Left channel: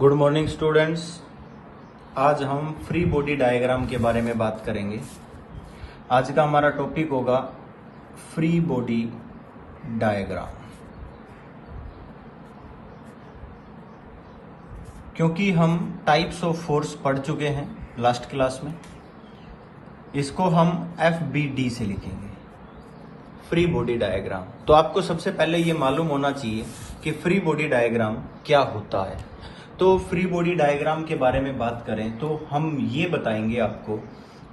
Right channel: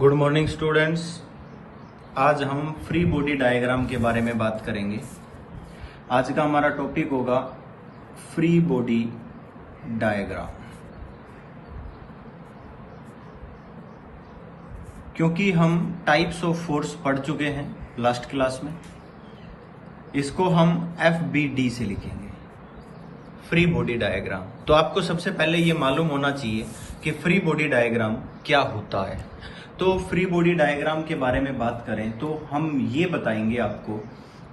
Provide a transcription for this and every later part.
Good morning students. आज हम free body diagram के बारे में बात करेंगे। आज का हमारा टॉपिक होगा फ्री बॉडी डायग्राम। क्योंकि हम टाइप्स ऑफ फोर्स पढ़ चुके हैं लास्ट क्लास में, इसको हम FBD से लिखेंगे, फ्री बॉडी डायग्राम। तो आपको सबसे पहले ये मालूम होना चाहिए कि फ्री बॉडी डायग्राम क्या होता है। तो फ्री बॉडी डायग्राम के बारे में बात करें तो हम ये बताएंगे आपको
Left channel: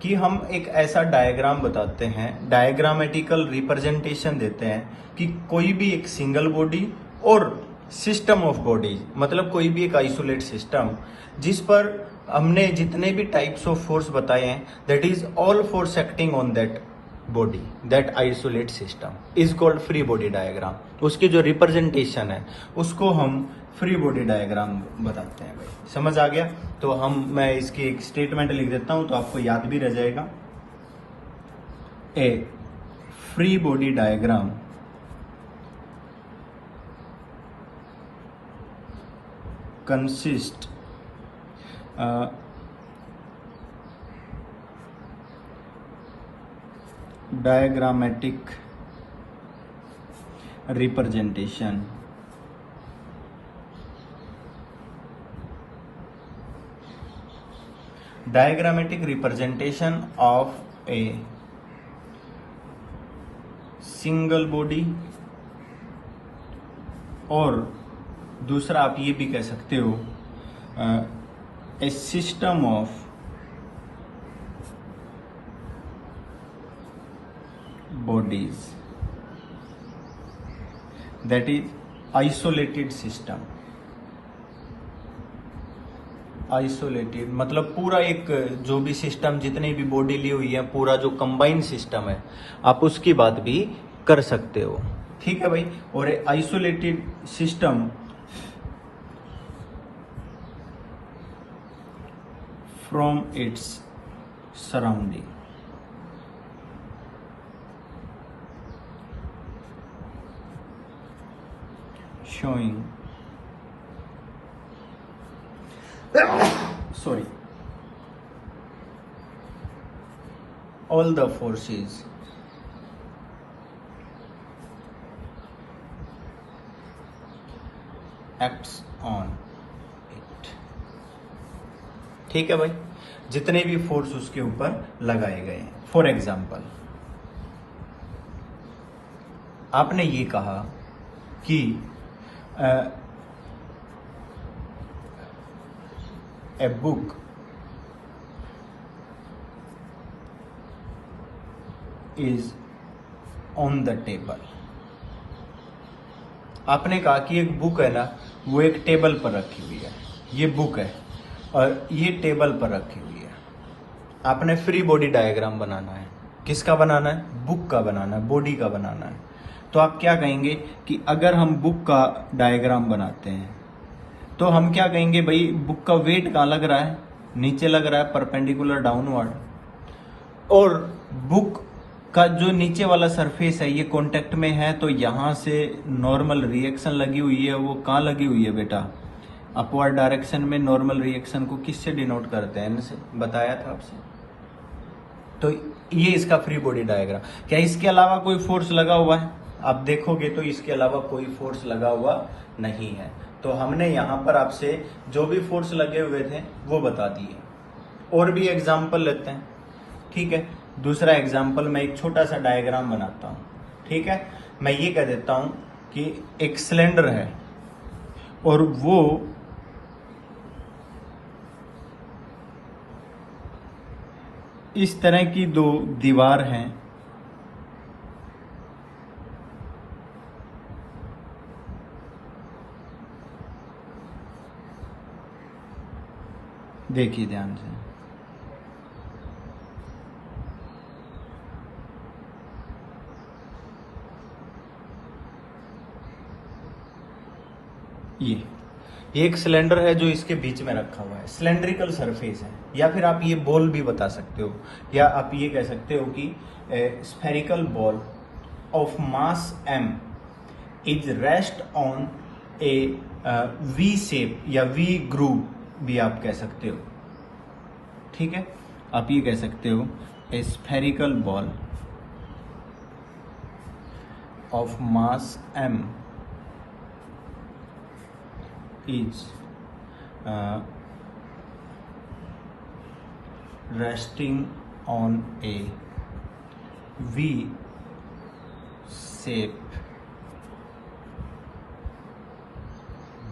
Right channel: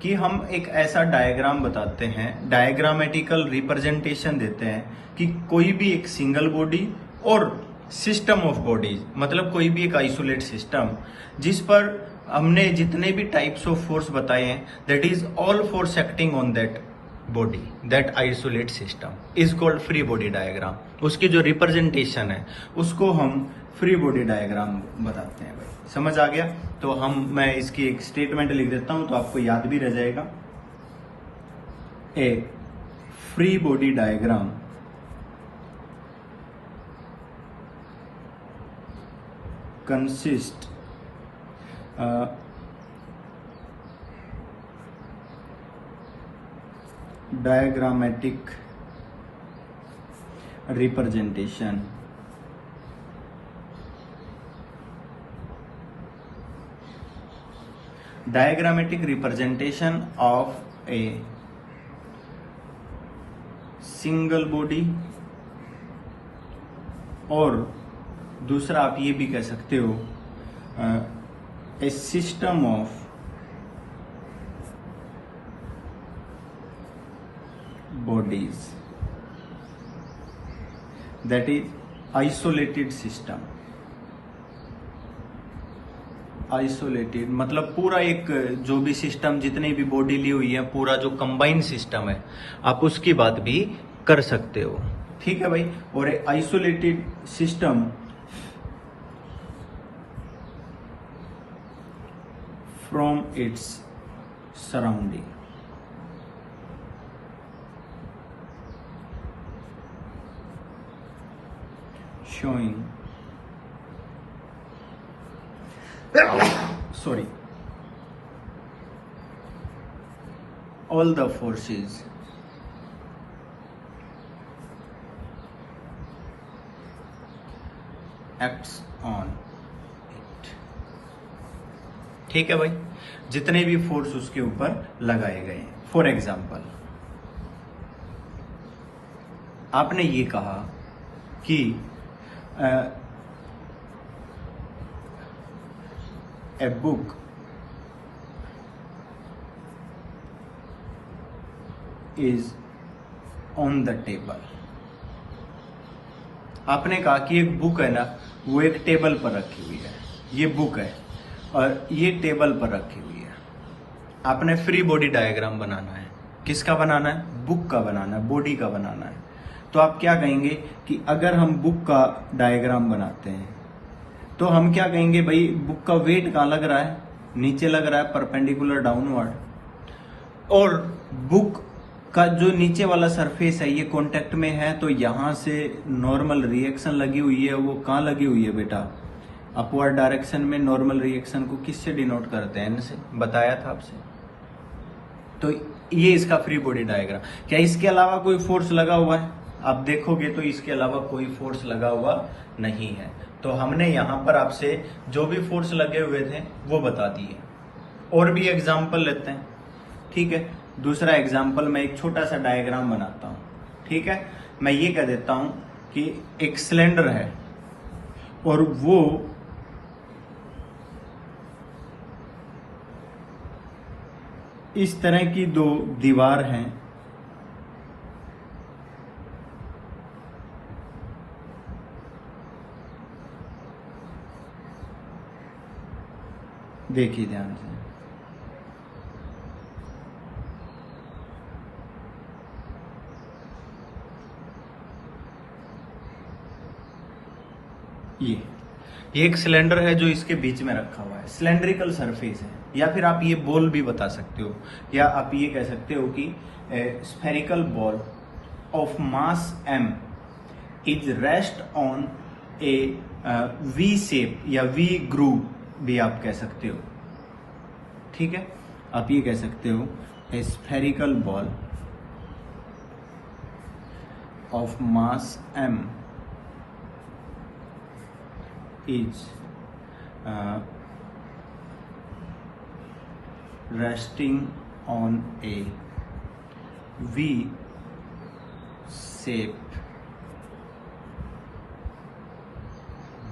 कि हम एक ऐसा डायग्राम बताते हैं, डायग्रामेटिकल रिप्रेजेंटेशन देते हैं कि कोई भी एक सिंगल बॉडी और सिस्टम ऑफ बॉडीज, मतलब कोई भी एक आइसोलेट सिस्टम जिस पर हमने जितने भी टाइप्स ऑफ फोर्स बताए हैं, that is all force acting on that body, that isolate system is called free body diagram. उसकी जो रिप्रेजेंटेशन है उसको हम फ्री बॉडी डायग्राम बताते हैं। समझ आ गया? तो मैं इसकी एक स्टेटमेंट लिख देता हूं तो आपको याद भी रह जाएगा। A free body diagram consist diagrammatic representation of a single body, और दूसरा आप ये भी कह सकते हो a system of bodies, that is isolated system। Isolated मतलब पूरा एक जो भी सिस्टम, जितनी भी बॉडी ली हुई है, पूरा जो कंबाइंड सिस्टम है, आप उसकी बात भी कर सकते हो। ठीक है भाई। और isolated system from its surrounding, showing all the forces acts on it। ठीक है भाई, जितने भी फोर्स उसके ऊपर लगाए गए। फॉर एग्जाम्पल, आपने ये कहा कि a book is on the table। आपने कहा कि एक बुक है ना, वो एक टेबल पर रखी हुई है। ये बुक है और ये टेबल पर रखी हुई है। आपने फ्री बॉडी डायग्राम बनाना है। किसका बनाना है? बुक का बनाना है, बॉडी का बनाना है। तो आप क्या कहेंगे कि अगर हम बुक का डायग्राम बनाते हैं तो हम क्या कहेंगे, भाई बुक का वेट कहाँ लग रहा है? नीचे लग रहा है, परपेंडिकुलर डाउनवर्ड। और बुक का जो नीचे वाला सरफेस है ये कांटेक्ट में है, तो यहां से नॉर्मल रिएक्शन लगी हुई है। वो कहाँ लगी हुई है बेटा? अपवर्ड डायरेक्शन में। नॉर्मल रिएक्शन को किससे डिनोट करते हैं? N से। बताया था आपसे। तो ये इसका फ्री बॉडी डायग्राम। क्या इसके अलावा कोई फोर्स लगा हुआ है? आप देखोगे तो इसके अलावा कोई फोर्स लगा हुआ नहीं है। तो हमने यहाँ पर आपसे जो भी फोर्स लगे हुए थे वो बता दिए। और भी एग्जाम्पल लेते हैं। ठीक है, दूसरा एग्जाम्पल मैं एक छोटा सा डायग्राम बनाता हूँ। ठीक है, मैं ये कह देता हूँ कि एक सिलेंडर है और वो इस तरह की दो दीवार हैं। देखिए ध्यान से, ये एक सिलेंडर है जो इसके बीच में रखा हुआ है, सिलेंड्रिकल सरफेस है। या फिर आप ये बॉल भी बता सकते हो, या आप ये कह सकते हो कि spherical ball of mass m is rest on a V shape या वी ग्रूव भी आप कह सकते हो, ठीक है। आप ये कह सकते हो ए spherical ball of mass m is resting on a V-shaped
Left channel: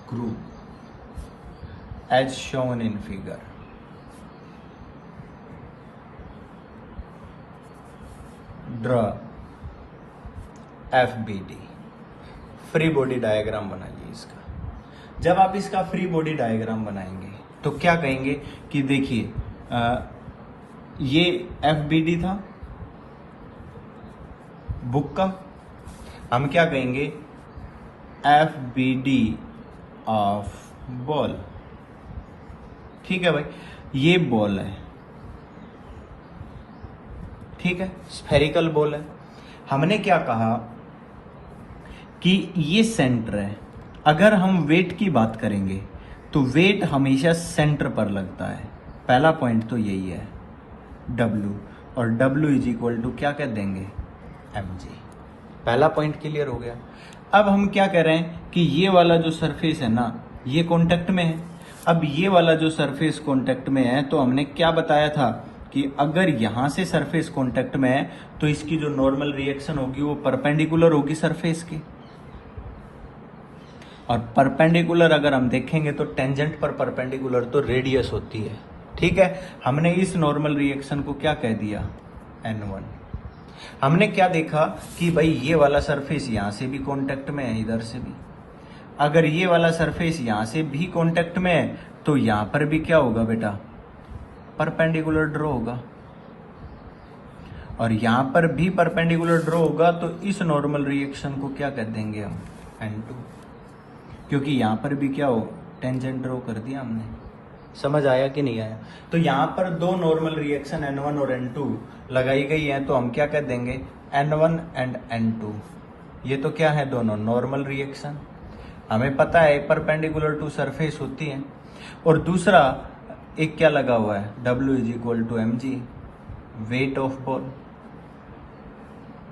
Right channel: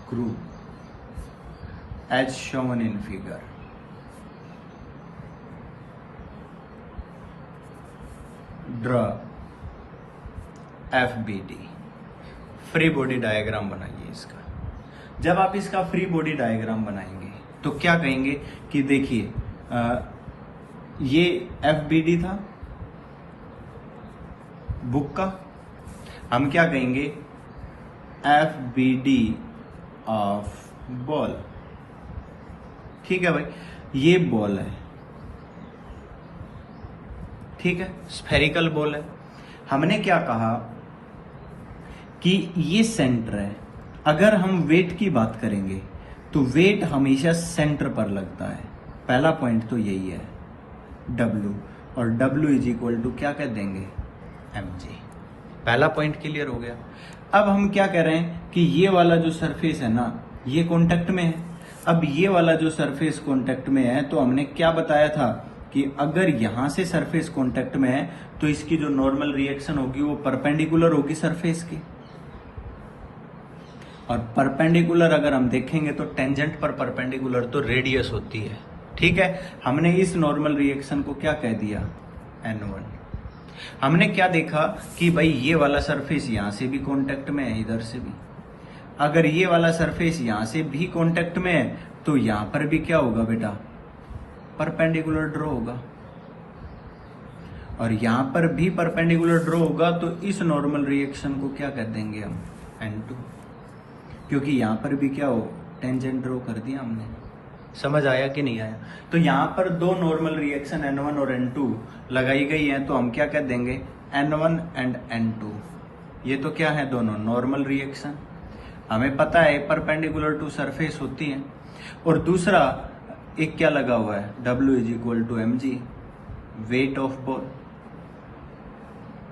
groove as shown in figure. Draw FBD, free body diagram बनाइए इसका। जब आप इसका फ्री बॉडी डायग्राम बनाएंगे तो क्या कहेंगे कि देखिए ये FBD था बुक का, हम क्या कहेंगे FBD ऑफ बॉल, ठीक है भाई। ये बॉल है, ठीक है, स्फेरिकल बॉल है। हमने क्या कहा कि ये सेंटर है। अगर हम वेट की बात करेंगे तो वेट हमेशा सेंटर पर लगता है, पहला पॉइंट तो यही है W, और W इज इक्वल टू क्या कह देंगे mg। पहला पॉइंट क्लियर हो गया। अब हम क्या कर रहे हैं कि ये वाला जो सरफेस है ना ये कांटेक्ट में है। अब ये वाला जो सरफेस कांटेक्ट में है तो हमने क्या बताया था कि अगर यहां से सरफेस कांटेक्ट में है तो इसकी जो नॉर्मल रिएक्शन होगी वो परपेंडिकुलर होगी सरफेस की, और परपेंडिकुलर अगर हम देखेंगे तो टेंजेंट पर परपेंडिकुलर तो रेडियस होती है, ठीक है। हमने इस नॉर्मल रिएक्शन को क्या कह दिया N1। हमने क्या देखा कि भाई ये वाला सरफेस यहां से भी कांटेक्ट में है, इधर से भी। अगर ये वाला सरफेस यहां से भी कांटेक्ट में है तो यहां पर भी क्या होगा बेटा परपेंडिकुलर ड्रॉ होगा, और यहां पर भी परपेंडिकुलर ड्रॉ होगा तो इस नॉर्मल रिएक्शन को क्या कह देंगे हम N2, क्योंकि यहां पर भी क्या हो टेंजेंट ड्रॉ कर दिया हमने। समझ आया कि नहीं आया? तो यहां पर दो नॉर्मल रिएक्शन N1 और N2 लगाई गई हैं तो हम क्या कह देंगे N1 एंड N2। ये तो क्या है दोनों नॉर्मल रिएक्शन, हमें पता है परपेंडिकुलर टू सरफेस होती है। और दूसरा एक क्या लगा हुआ है W is equal to mg, weight of ball.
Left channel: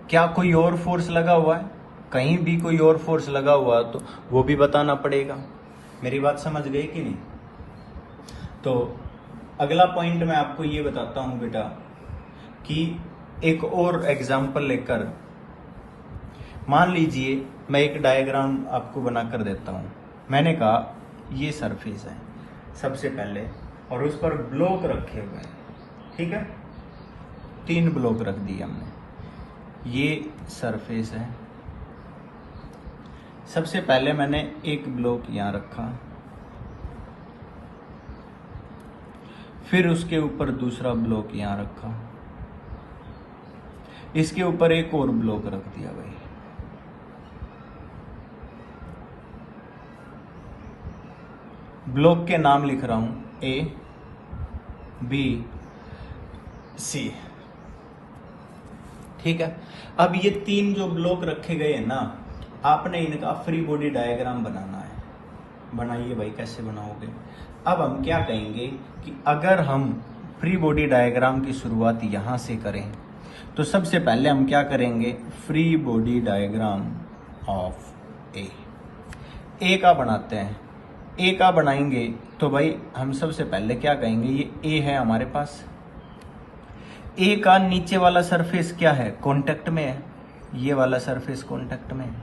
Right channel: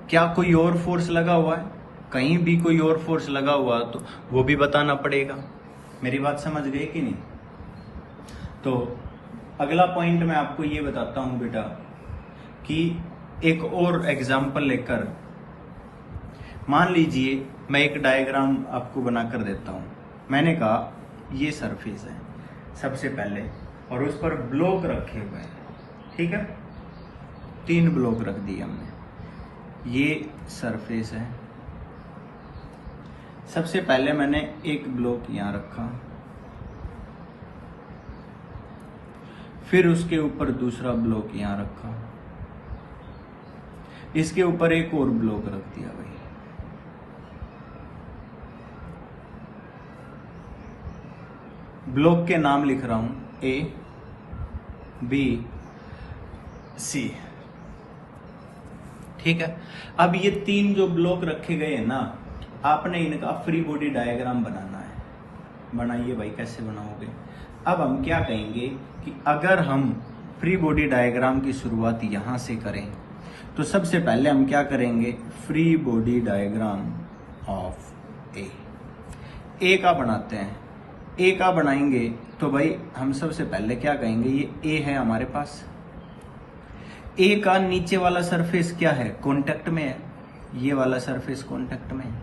क्या कोई और फोर्स लगा हुआ है? कहीं भी कोई और फोर्स लगा हुआ तो वो भी बताना पड़ेगा। मेरी बात समझ गई कि नहीं? तो अगला पॉइंट मैं आपको ये बताता हूं बेटा कि एक और एग्जांपल लेकर, मान लीजिए मैं एक डायग्राम आपको बनाकर देता हूं। मैंने कहा ये सरफेस है सबसे पहले और उस पर ब्लॉक रखे हुए हैं, ठीक है, 3 ब्लॉक रख दिए हमने। ये सरफेस है। सबसे पहले मैंने एक ब्लॉक यहां रखा, फिर उसके ऊपर दूसरा ब्लॉक यहां रखा, इसके ऊपर एक और ब्लॉक रख दिया गया। ब्लॉक के नाम लिख रहा हूं A, B, C, ठीक है। अब ये 3 जो ब्लॉक रखे गए हैं ना, आपने इनका फ्री बॉडी डायग्राम बनाना है। बनाइए भाई, कैसे बनाओगे? अब हम क्या कहेंगे कि अगर हम फ्री बॉडी डायग्राम की शुरुआत यहां से करें तो सबसे पहले हम क्या करेंगे फ्री बॉडी डायग्राम ऑफ ए का बनाते हैं। ए का बनाएंगे तो भाई हम सबसे पहले क्या कहेंगे, ये ए है हमारे पास। ए का नीचे वाला सरफेस क्या है कांटेक्ट में है, ये वाला सरफेस कांटेक्ट में है,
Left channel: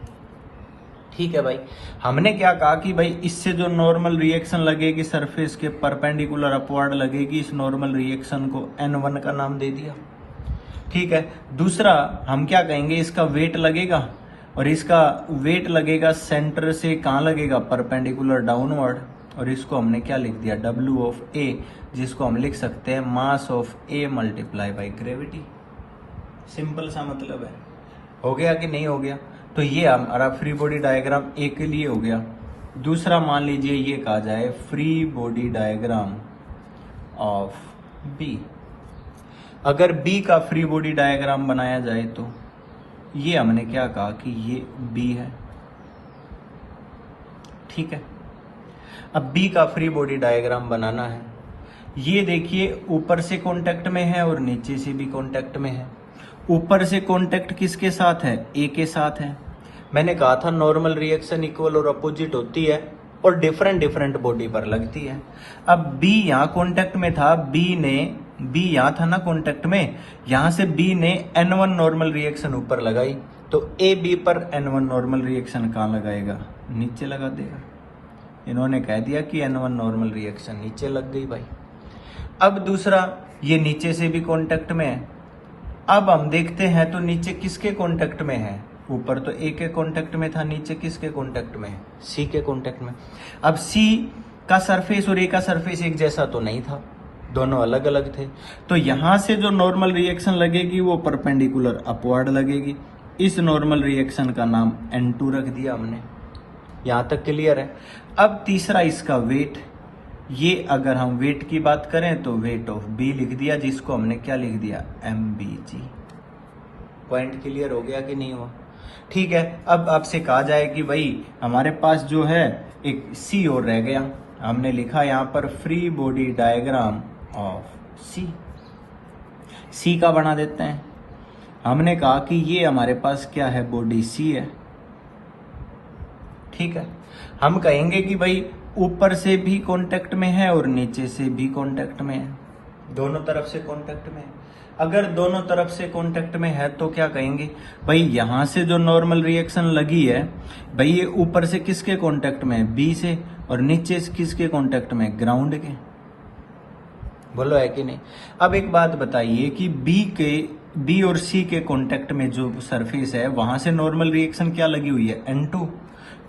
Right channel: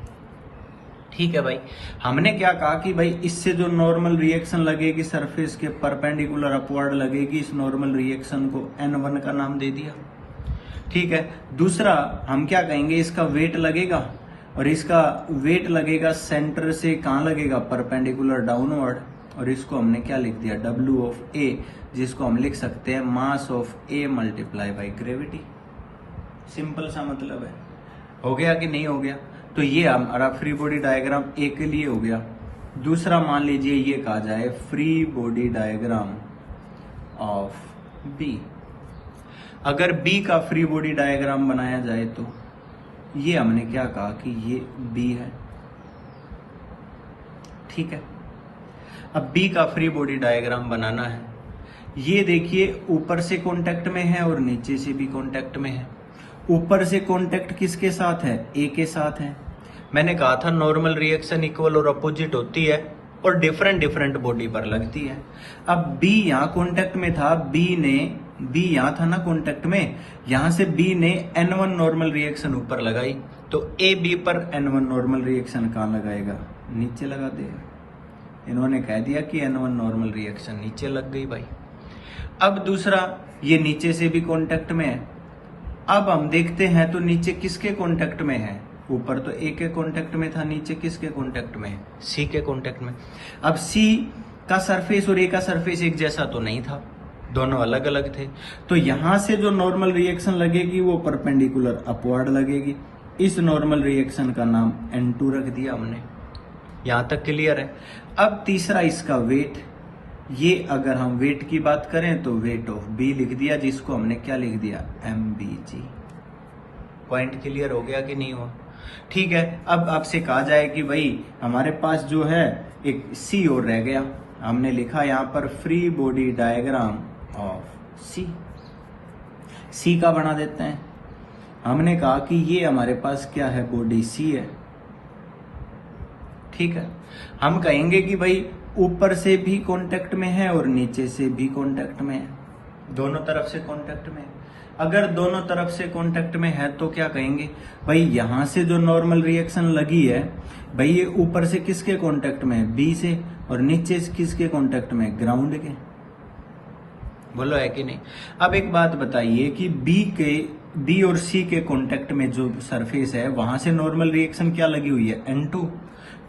ठीक है भाई। हमने क्या कहा कि भाई इससे जो नॉर्मल रिएक्शन लगेगी सरफेस के परपेंडिकुलर अपवर्ड लगेगी, इस नॉर्मल रिएक्शन को N1 का नाम दे दिया, ठीक है। दूसरा हम क्या कहेंगे, इसका वेट लगेगा, और इसका वेट लगेगा सेंटर से कहां लगेगा परपेंडिकुलर डाउनवर्ड, और इसको हमने क्या लिख दिया W ऑफ A, जिसको हम लिख सकते हैं mass of A multiply by gravity. Simple सा मतलब है। हो गया कि नहीं हो गया? तो ये हमारा फ्री बॉडी डायग्राम ए के लिए हो गया। दूसरा मान लीजिए ये कहा जाए free body diagram of B. अगर बी का फ्री बॉडी डायग्राम बनाया जाए तो ये हमने क्या कहा कि ये बी है, ठीक है। अब बी का फ्री बॉडी डायग्राम बनाना है। ये देखिए ऊपर से कांटेक्ट में है और नीचे से भी कांटेक्ट में है। ऊपर से कांटेक्ट किसके साथ है? ए के साथ है। मैंने कहा था नॉर्मल रिएक्शन इक्वल और अपोजिट होती है और डिफरेंट डिफरेंट बॉडी पर लगती है। अब बी यहाँ कांटेक्ट में था, बी यहाँ था ना कांटेक्ट में, यहाँ से बी ने N1 नॉर्मल रिएक्शन ऊपर लगाई, तो ए बी पर N1 नॉर्मल रिएक्शन कहाँ लगाएगा? नीचे लगा देगा। इन्होंने कह दिया कि N1 नॉर्मल रिएक्शन नीचे लग गई भाई। अब दूसरा, ये नीचे से भी कांटेक्ट में है। अब हम देखते हैं तो नीचे किसके कांटेक्ट में है? ऊपर तो ए के कांटेक्ट में था, नीचे किसके कांटेक्ट में है? सी के कांटेक्ट में। अब सी का सरफेस और ए का सरफेस एक जैसा तो नहीं था, दोनों अलग अलग थे, तो यहां से जो नॉर्मल रिएक्शन लगेगी वो परपेंडिकुलर अपवर्ड लगेगी। इस नॉर्मल रिएक्शन का नाम N2 रख दिया हमने। यहां तक क्लियर है? अब तीसरा इसका वेट, ये अगर हम वेट की बात करें तो वेट ऑफ बी लिख दिया, जिसको हमने क्या लिख दिया? MBG। पॉइंट क्लियर हो गया कि नहीं हुआ? ठीक है। अब आपसे कहा जाए कि भाई हमारे पास जो है एक सी और रह गया, हमने लिखा यहां पर फ्री बॉडी डायग्राम ऑफ सी का बना देते हैं। हमने कहा कि ये हमारे पास क्या है? बॉडी सी है। ठीक है। हम कहेंगे कि भाई ऊपर से भी कांटेक्ट में है और नीचे से भी कांटेक्ट में है, दोनों तरफ से कांटेक्ट में है। अगर दोनों तरफ से कांटेक्ट में है तो क्या कहेंगे? भाई यहां से जो नॉर्मल रिएक्शन लगी है, भाई ये ऊपर से किसके कांटेक्ट में है? बी से, और नीचे से किसके कांटेक्ट में? ग्राउंड के। बोलो है कि नहीं? अब एक बात बताइए कि बी और सी के कांटेक्ट में जो सरफेस है वहां से नॉर्मल रिएक्शन क्या लगी हुई है? N2।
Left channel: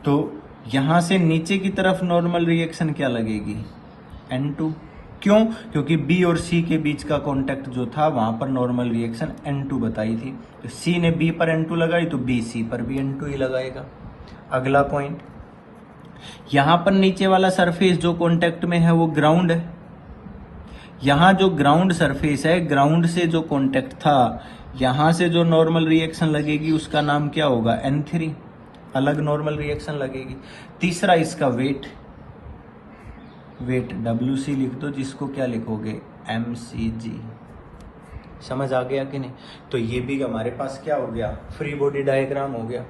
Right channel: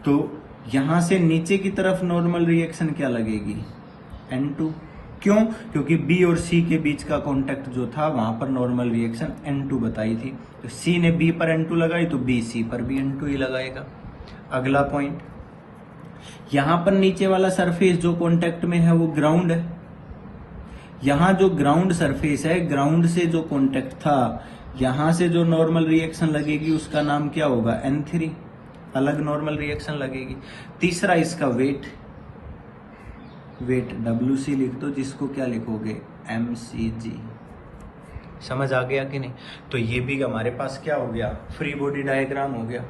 तो यहां से नीचे की तरफ नॉर्मल रिएक्शन क्या लगेगी? N2। क्यों? क्योंकि बी और सी के बीच का कांटेक्ट जो था वहां पर नॉर्मल रिएक्शन N2 बताई थी, तो सी ने बी पर N2 लगाई तो बी सी पर भी N2 ही लगाएगा। अगला पॉइंट, यहां पर नीचे वाला सरफेस जो कांटेक्ट में है वो ग्राउंड है। यहां जो ग्राउंड सरफेस है, ग्राउंड से जो कांटेक्ट था, यहां से जो नॉर्मल रिएक्शन लगेगी उसका नाम क्या होगा? N3। अलग नॉर्मल रिएक्शन लगेगी। तीसरा इसका वेट WC लिख दो, जिसको क्या लिखोगे? MCG। समझ आ गया कि नहीं? तो ये भी हमारे पास क्या हो गया? फ्री बॉडी डायग्राम हो गया।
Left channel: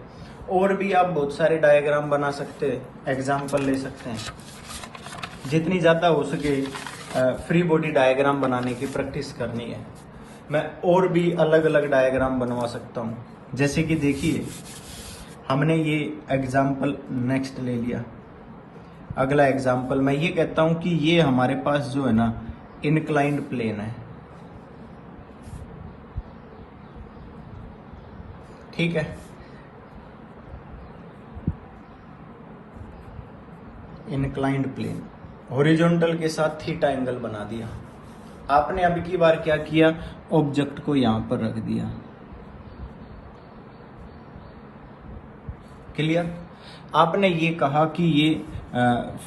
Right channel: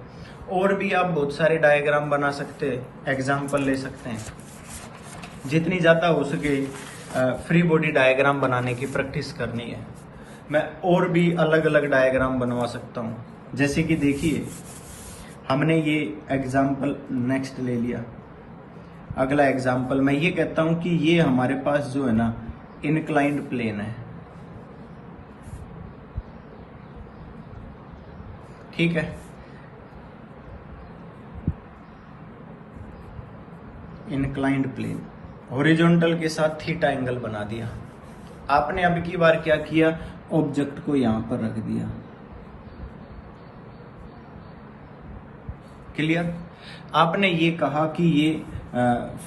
और भी आप बहुत सारे डायग्राम बना सकते हैं, एग्जाम्पल ले सकते हैं। जितनी ज्यादा हो सके फ्री बॉडी डायग्राम बनाने की प्रैक्टिस करनी है। मैं और भी अलग अलग डायग्राम बनवा सकता हूँ। जैसे कि देखिए, हमने ये एग्जाम्पल नेक्स्ट ले लिया। अगला एग्जाम्पल मैं ये कहता हूं कि ये हमारे पास जो है ना इनक्लाइंड प्लेन है। ठीक है। इनक्लाइंड प्लेन, हॉरिजॉन्टल के साथ थीटा एंगल बना दिया। आपने अब की बार क्या किया? ऑब्जेक्ट को यहां पर रख दिया। क्लियर? आपने ये कहा कि ये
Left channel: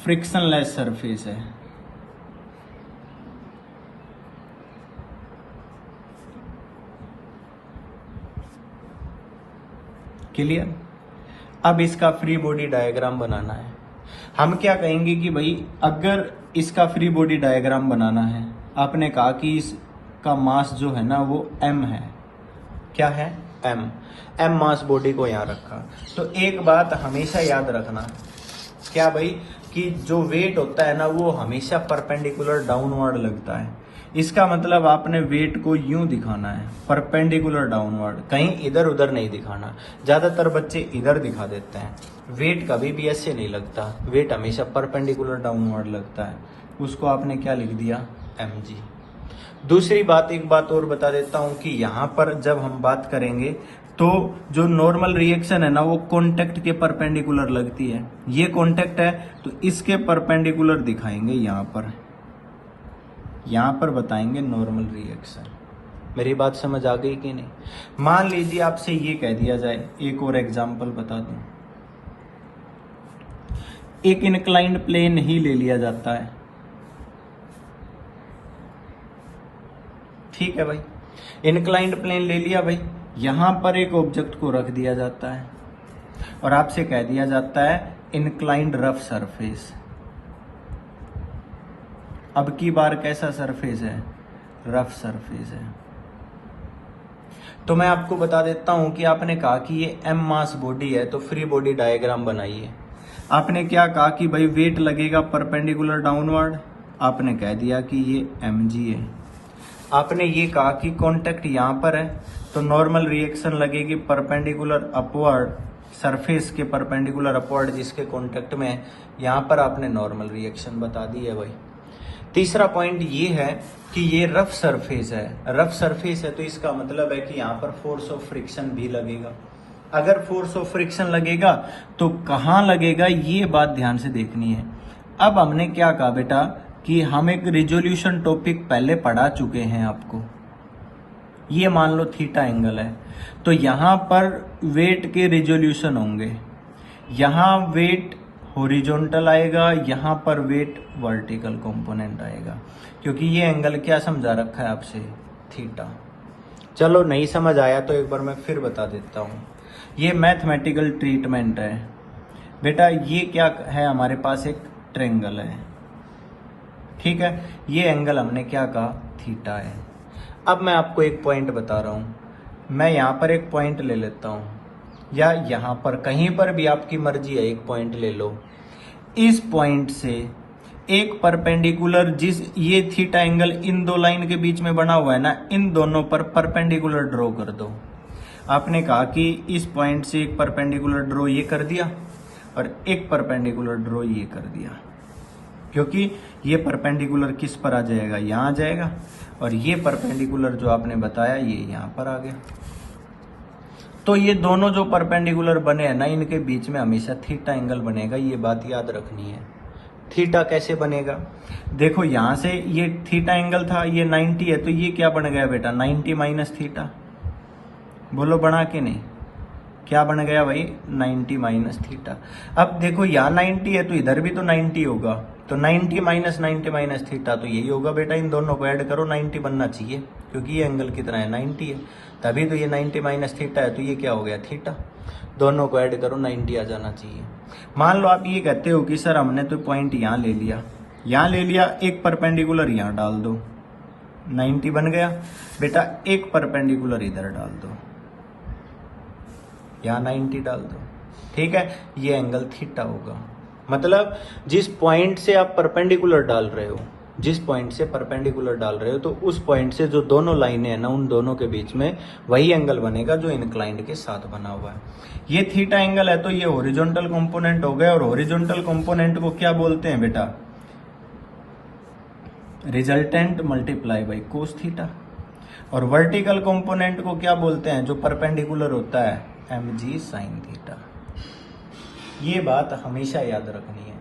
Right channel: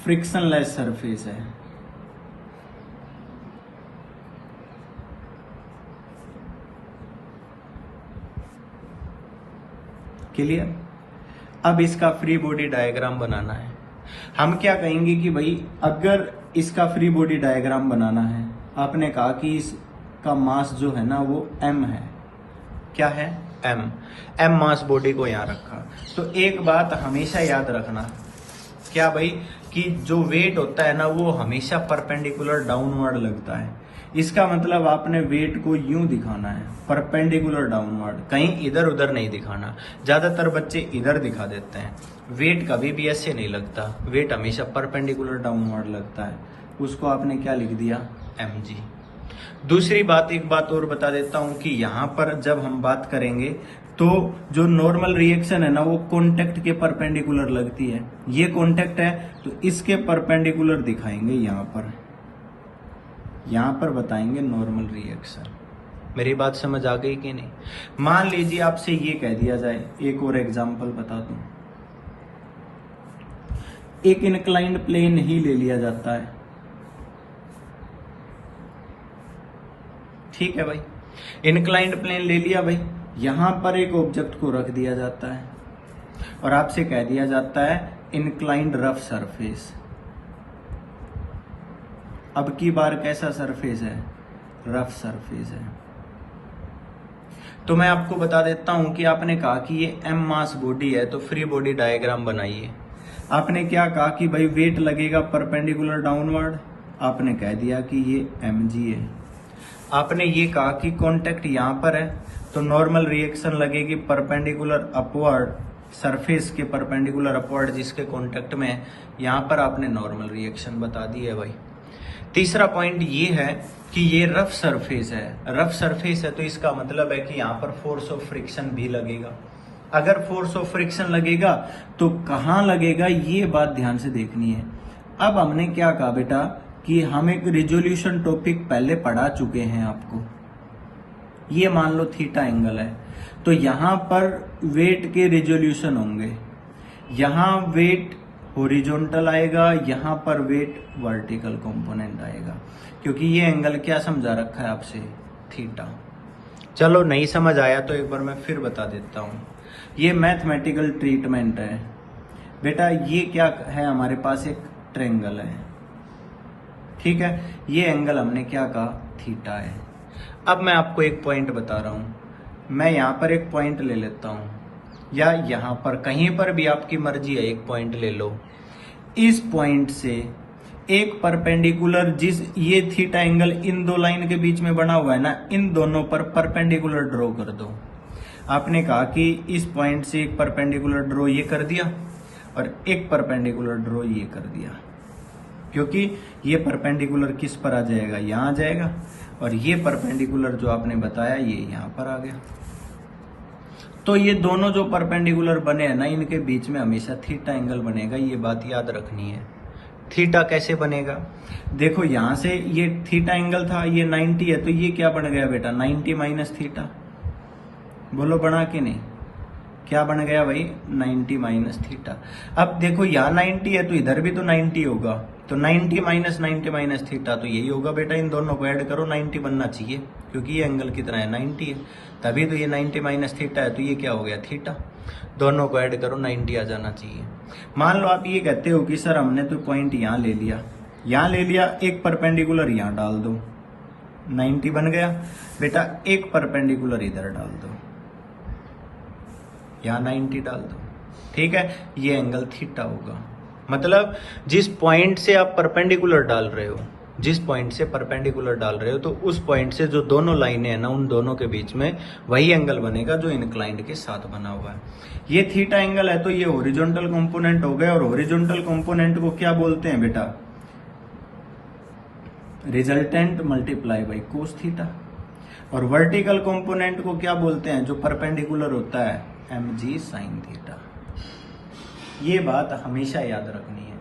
फ्रिक्शनलेस सरफेस है। क्लियर? अब इसका फ्री बॉडी डायग्राम बनाना है। हम क्या कहेंगे कि भाई अगर इसका फ्री बॉडी डायग्राम बनाना है, आपने कहा कि इसका मास जो है ना वो m है। क्या है? m मास बॉडी को यहां रखा। तो एक बात हमेशा याद रखना, क्या भाई, कि जो वेट होता है ना वो हमेशा परपेंडिकुलर डाउनवर्ड लगता है। इसका मतलब आपने वेट को यूं दिखाना है, परपेंडिकुलर डाउनवर्ड, कहीं इधर उधर नहीं दिखाना। ज्यादातर बच्चे इधर दिखा देते हैं। वेट कभी भी ऐसे नहीं लगता, वेट हमेशा परपेंडिकुलर डाउनवर्ड लगता है। उसको आपने क्या लिख दिया? mg। दूसरी बात, एक बात और बता देता हूं कि यहां पर जब हम बात करेंगे तो जो नॉर्मल रिएक्शन है ना वो कॉन्टेक्ट के परपेंडिकुलर लगती है। ये कॉन्टेक्ट है तो इसके परपेंडिकुलर दिखाएंगे। यहां पर बताएंगे नॉर्मल रिएक्शन। मेरी बात समझ आ गई कि नहीं? मान लीजिए आपसे ये कह दिया जाए, एक और एग्जांपल बता दूं, एक इनक्लाइंड प्लेन ही ले लिया जाता है। ठीक है भाई, इनक्लाइंड प्लेन ले लिया भाई, यहां पर एक ऑब्जेक्ट को रख दिया जाता है और आपसे कह दिया जाता है इनक्लाइंड रफ सरफेस। अब की बार कैसा सरफेस है, रफ सरफेस है। तो मैं आपको बता देता हूं कि आपने कहा कि ये m मास बॉडी है, तो फ्री बॉडी डायग्राम बनाइए। आपने क्या कहा कि भाई वेट लगेगा परपेंडिकुलर डाउनवर्ड, आपने कह दिया कि ये mg है। आपने ये कहा कि कांटेक्ट यहाँ पर है, तो नॉर्मल रिएक्शन लगेगी परपेंडिकुलर अपवर्ड, सरफेस के परपेंडिकुलर अपवर्ड जिसके कांटेक्ट में है, यहाँ पर आपने नॉर्मल रिएक्शन बता दी है भाई। तीसरा पॉइंट ये है कि ये रफ सरफेस है, रफ सरफेस है तो इसका मतलब है कि यहाँ पर फोर्स ऑफ फ्रिक्शन भी लगेगा। अगर फोर्स ऑफ फ्रिक्शन लगेगा तो कहाँ लगेगा, ये बात ध्यान से देखनी है। अब हमने क्या कहा बेटा कि हम एक रिजोल्यूशन टॉपिक पहले पढ़ा चुके हैं आपको। ये मान लो थीटा एंगल है, तो यहाँ पर वेट के रिजोल्यूशन होंगे, यहाँ वेट हॉरिजॉन्टल आएगा, यहाँ पर वेट वर्टिकल कंपोनेंट आएगा, क्योंकि ये एंगल क्या समझा रखा है आपसे, थीटा। चलो नहीं समझ आया तो एक बार मैं फिर बता देता हूँ। ये मैथमेटिकल ट्रीटमेंट है बेटा। ये क्या है, हमारे पास एक ट्रायंगल है, ठीक है। ये एंगल हमने क्या कहा, थीटा है। अब मैं आपको एक पॉइंट बता रहा हूँ, मैं यहाँ पर एक पॉइंट ले लेता हूँ, या यहाँ पर कहीं पर भी आपकी मर्जी है, एक पॉइंट ले लो। इस पॉइंट से एक परपेंडिकुलर, जिस ये थीटा एंगल इन दो लाइन के बीच में बना हुआ है ना, इन दोनों पर परपेंडिकुलर ड्रॉ कर दो। आपने कहा कि इस पॉइंट से एक परपेंडिकुलर ड्रॉ ये कर दिया और एक परपेंडिकुलर ड्रॉ ये कर दिया, क्योंकि ये परपेंडिकुलर किस पर आ जाएगा, यहाँ आ जाएगा, और ये परपेंडिकुलर जो आपने बताया ये यहाँ पर आ गया। तो ये दोनों जो परपेंडिकुलर बने हैं ना, इनके बीच में हमेशा थीटा एंगल बनेगा, ये बात याद रखनी है। थीटा कैसे बनेगा, देखो यहाँ से ये थीटा एंगल था, ये 90 है, तो ये क्या बन गया बेटा, 90 माइनस थीटा। बोलो बना कि नहीं, क्या बन गया भाई, 90 माइनस थीटा। अब देखो यहाँ 90 है तो इधर भी तो 90 होगा, तो 90 माइनस 90 माइनस थीटा तो यही होगा बेटा। इन दोनों को ऐड करो, 90 बनना चाहिए, क्योंकि ये एंगल कितना है, 90 है, तभी तो ये 90 माइनस थीटा है, तो ये क्या हो गया, थीटा। दोनों को ऐड करो, 90 आ जाना चाहिए। मान लो आप ये कहते हो कि सर हमने तो पॉइंट यहाँ ले लिया, यहाँ ले लिया, एक परपेंडिकुलर यहाँ डाल दो, 90 बन गया बेटा। एक परपेंडिकुलर इधर डाल दो, यहाँ 90 डाल दो, ठीक है। ये एंगल थीटा होगा। मतलब जिस पॉइंट से आप परपेंडिकुलर डाल रहे हो, जिस पॉइंट से परपेंडिकुलर डाल रहे हो, तो उस पॉइंट से जो दोनों लाइनें हैं ना, उन दोनों के बीच में वही एंगल बनेगा जो इंक्लाइंड के साथ बना हुआ है। ये थीटा एंगल है, तो ये हॉरिजॉन्टल कंपोनेंट हो गया, और हॉरिजॉन्टल कंपोनेंट को क्या बोलते हैं बेटा, resultant multiply by cos theta. और वर्टिकल कंपोनेंट को क्या बोलते हैं, जो परपेंडिकुलर होता है, mg sin थीटा। ये बात हमेशा याद रखनी है।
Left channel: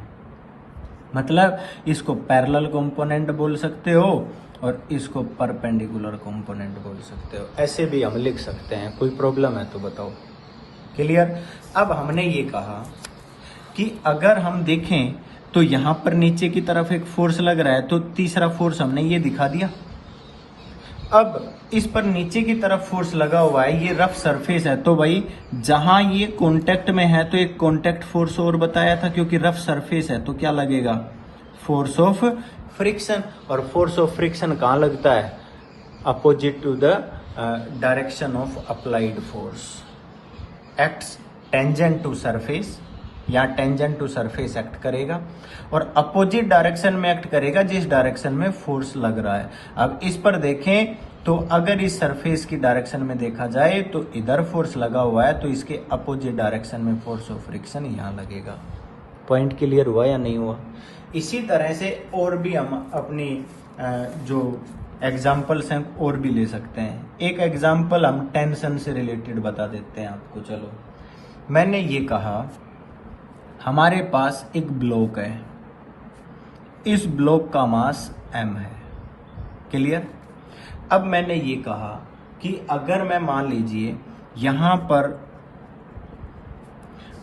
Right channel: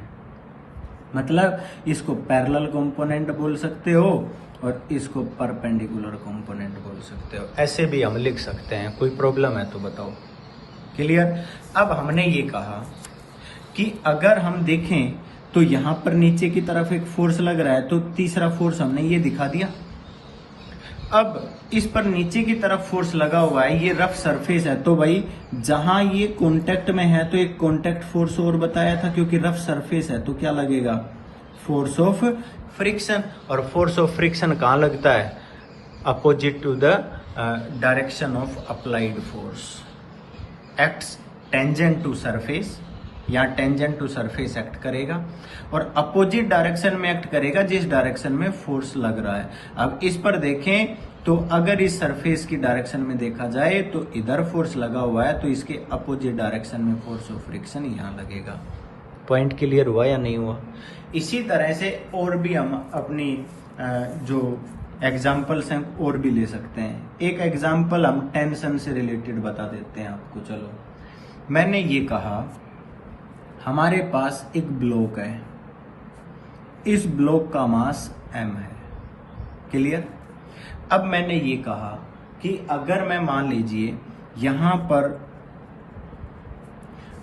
मतलब इसको पैरेलल कंपोनेंट बोल सकते हो और इसको परपेंडिकुलर कंपोनेंट बोल सकते हो, ऐसे भी हम लिख सकते हैं। कोई प्रॉब्लम है तो बताओ, क्लियर। अब हमने ये कहा कि अगर हम देखें तो यहाँ पर नीचे की तरफ एक फोर्स लग रहा है, तो तीसरा फोर्स हमने ये दिखा दिया। अब इस पर नीचे की तरफ फोर्स लगा हुआ है, ये रफ सरफेस है, तो भाई जहां ये कांटेक्ट में है तो एक कांटेक्ट फोर्स और बताया था, क्योंकि रफ सरफेस है तो क्या लगेगा, फोर्स ऑफ फ्रिक्शन। और फोर्स ऑफ फ्रिक्शन कहाँ लगता है, opposite to the direction of applied force, acts tangent to surface, या टेंजेंट टू सरफेस एक्ट करेगा, और अपोजिट डायरेक्शन में एक्ट करेगा जिस डायरेक्शन में फोर्स लग रहा है। अब इस पर देखें तो अगर इस सरफेस की डायरेक्शन में देखा जाए तो इधर फोर्स लगा हुआ है, तो इसके अपोजिट डायरेक्शन में फोर्स ऑफ फ्रिक्शन यहाँ लगेगा। पॉइंट क्लियर हुआ या नहीं हुआ। इसी तरह से और भी हम अपनी जो एग्जाम्पल्स हैं और भी ले सकते हैं। एक एग्जाम्पल हम टेंशन से रिलेटेड बता देते हैं आपको। चलो, मैंने ये कहा हमारे पास एक ब्लॉक है, इस ब्लॉक का मास m है, क्लियर। अब मैंने ये कहा कि अगर मैं मान लीजिए यहां पर,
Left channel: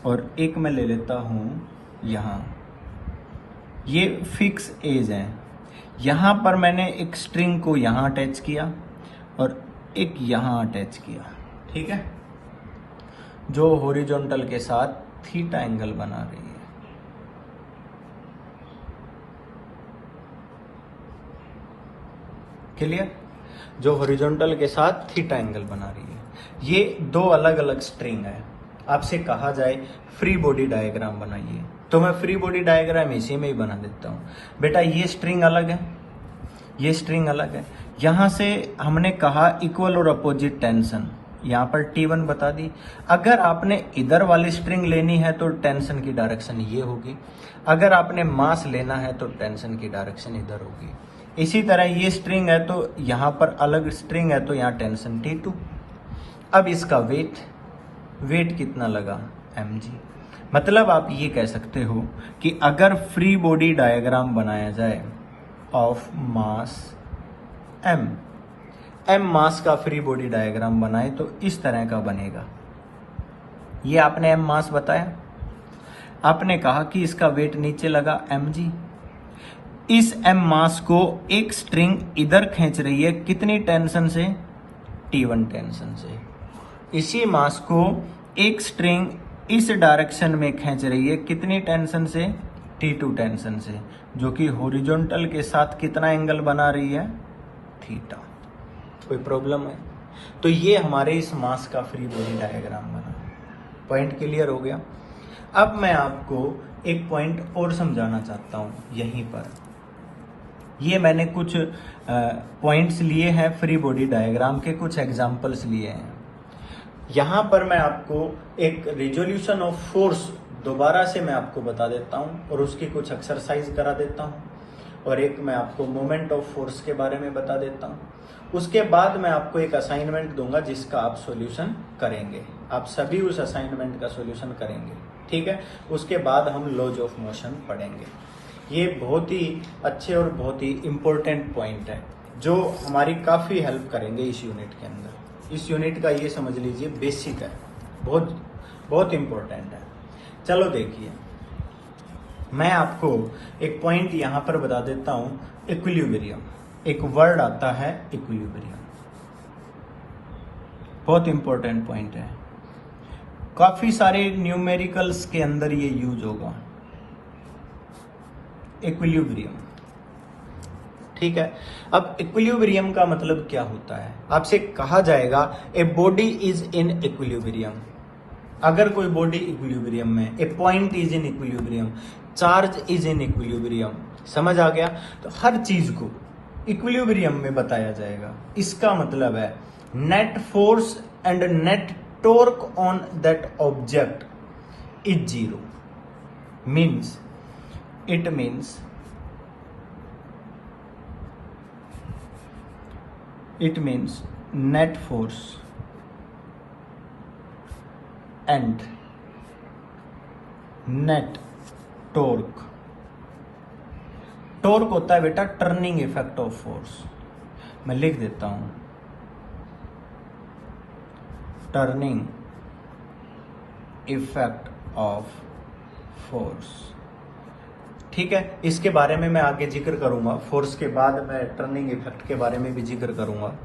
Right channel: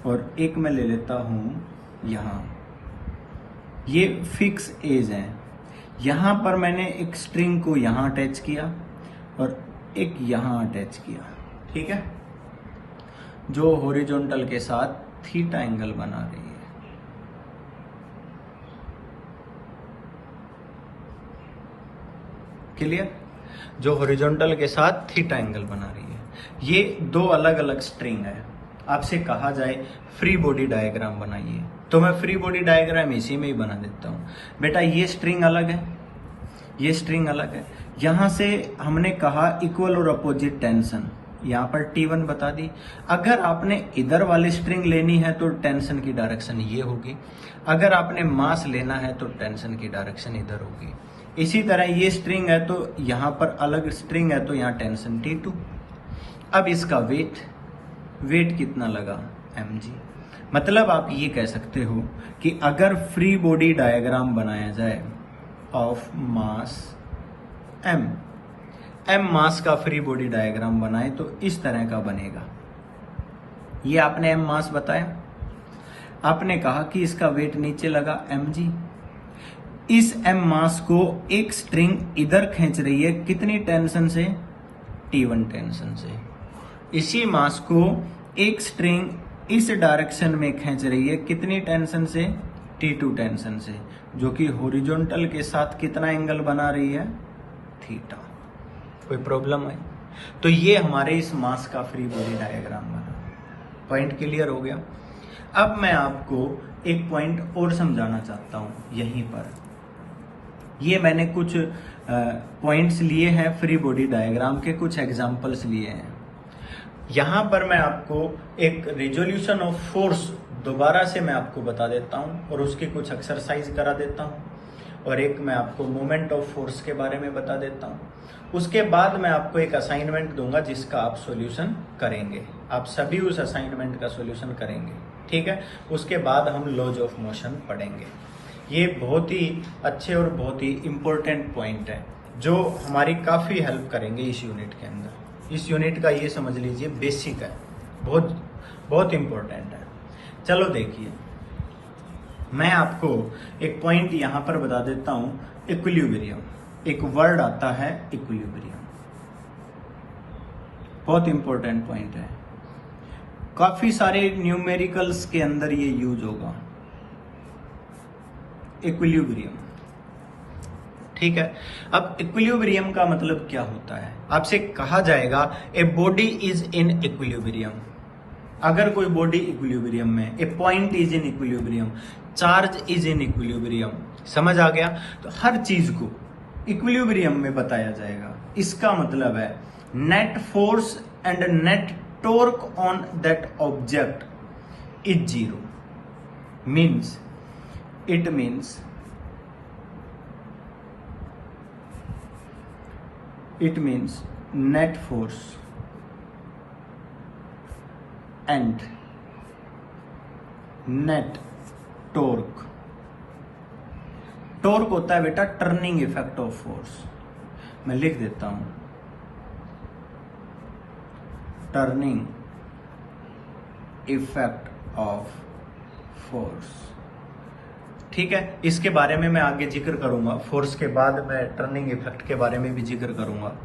और एक मैं ले लेता हूं यहां, ये फिक्स एज है, यहां पर मैंने एक स्ट्रिंग को यहां अटैच किया और एक यहां अटैच किया, ठीक है, जो हॉरिजॉन्टल के साथ थीटा एंगल बना रही है। क्लियर? जो हॉरिजॉन्टल के साथ थीटा एंगल बना रही है। ये दो अलग अलग स्ट्रिंग है। आपसे कहा जाए फ्री बॉडी डायग्राम बनाइए, तो मैं फ्री बॉडी डायग्राम इसी में ही बना देता हूँ। बेटा ये स्ट्रिंग अलग है, ये स्ट्रिंग अलग है। यहां से हमने कहा इक्वल और अपोजिट टेंशन, यहाँ पर T1 बता दी। अगर आपने इधर वाली स्ट्रिंग लेनी है तो टेंशन की डायरेक्शन ये होगी, अगर आपने मास लेना है तो टेंशन की डायरेक्शन इधर होगी। इसी तरह ये स्ट्रिंग है तो यहाँ पर अलग स्ट्रिंग है तो यहाँ टेंशन T2। अब इसका वेट कितना लगा, mg। मतलब आप ये कह सकते हो कि अगर फ्री बॉडी डायग्राम बनाया जाए ऑफ मास m मास का फ्री बॉडी डायग्राम बनाए तो इस तरह का बनेगा। ये आपने m मास बताया, आपने कहा कि इसका वेट नीचे लगा mg। इस m मास को एक स्ट्रिंग इधर खींच रही है, कितनी टेंशन से, T1 टेंशन से। इसी मास को एक स्ट्रिंग इस डायरेक्शन में खींच रही है, कितनी टेंशन से, T2 टेंशन से, जो कि हॉरिजॉन्टल के साथ कितना एंगल बना रही है, थीटा। कोई प्रॉब्लम है? तो ये हमारे इस मास का फ्री बॉडी डायग्राम है। पॉइंट क्लियर हो गया? अब मैं आपको एक पॉइंट और समझाना चाहता हूँ यहीं पर। ये मैंने कुछ पॉइंट्स लिए हैं फ्री बॉडी डायग्राम के, कुछ एग्जांपल्स लिए हैं। यहाँ पर मैं आपको एक रिजोल्यूशन ऑफ फोर्स दोबारा से मैं आपको बता देता हूँ और उसकी कुछ एक्सरसाइज करा देता हूँ, और एक मैं आपको मोमेंट ऑफ फोर्स के बारे में बता देता हूँ। उसके बाद मैं आपको एक असाइनमेंट दूंगा जिसका आप सॉल्यूशन करेंगे। आप सभी उस असाइनमेंट का सॉल्यूशन करेंगे, ठीक है? उसके बाद हम लॉज ऑफ मोशन पढ़ेंगे। ये बहुत ही अच्छे और बहुत ही इम्पोर्टेंट पॉइंट है जो हमारी काफ़ी हेल्प करेंगे इस यूनिट के अंदर। इस यूनिट का ये समझ लीजिए बेसिक है, बहुत बहुत इम्पोर्टेंट है। चलो देखिए, मैं आपको एक पॉइंट यहाँ पर बता देता हूँ, इक्विलिब्रियम। एक वर्ड आता है इक्विलिब्रियम, बहुत इंपॉर्टेंट पॉइंट है। काफी सारे न्यूमेरिकल्स के अंदर ये यूज होगा, इक्विलिब्रियम, ठीक है? अब इक्विलिब्रियम का मतलब क्या होता है? आपसे कहा जाएगा a body is in equilibrium. अगर कोई बॉडी इक्विलिब्रियम में, a point is in equilibrium, charge is in equilibrium, समझ आ गया? तो हर चीज को इक्विलिब्रियम में बताया जाएगा। इसका मतलब है net force and net torque on that object is zero. Means it means net force and net torque। Torque होता है बेटा टर्निंग इफेक्ट ऑफ फोर्स। मैं लिख देता हूं, टर्निंग इफेक्ट ऑफ फोर्स, ठीक है? इसके बारे में मैं आगे जिक्र करूंगा, फोर्स के बाद मैं टर्निंग इफेक्ट के बारे में भी जिक्र करूंगा,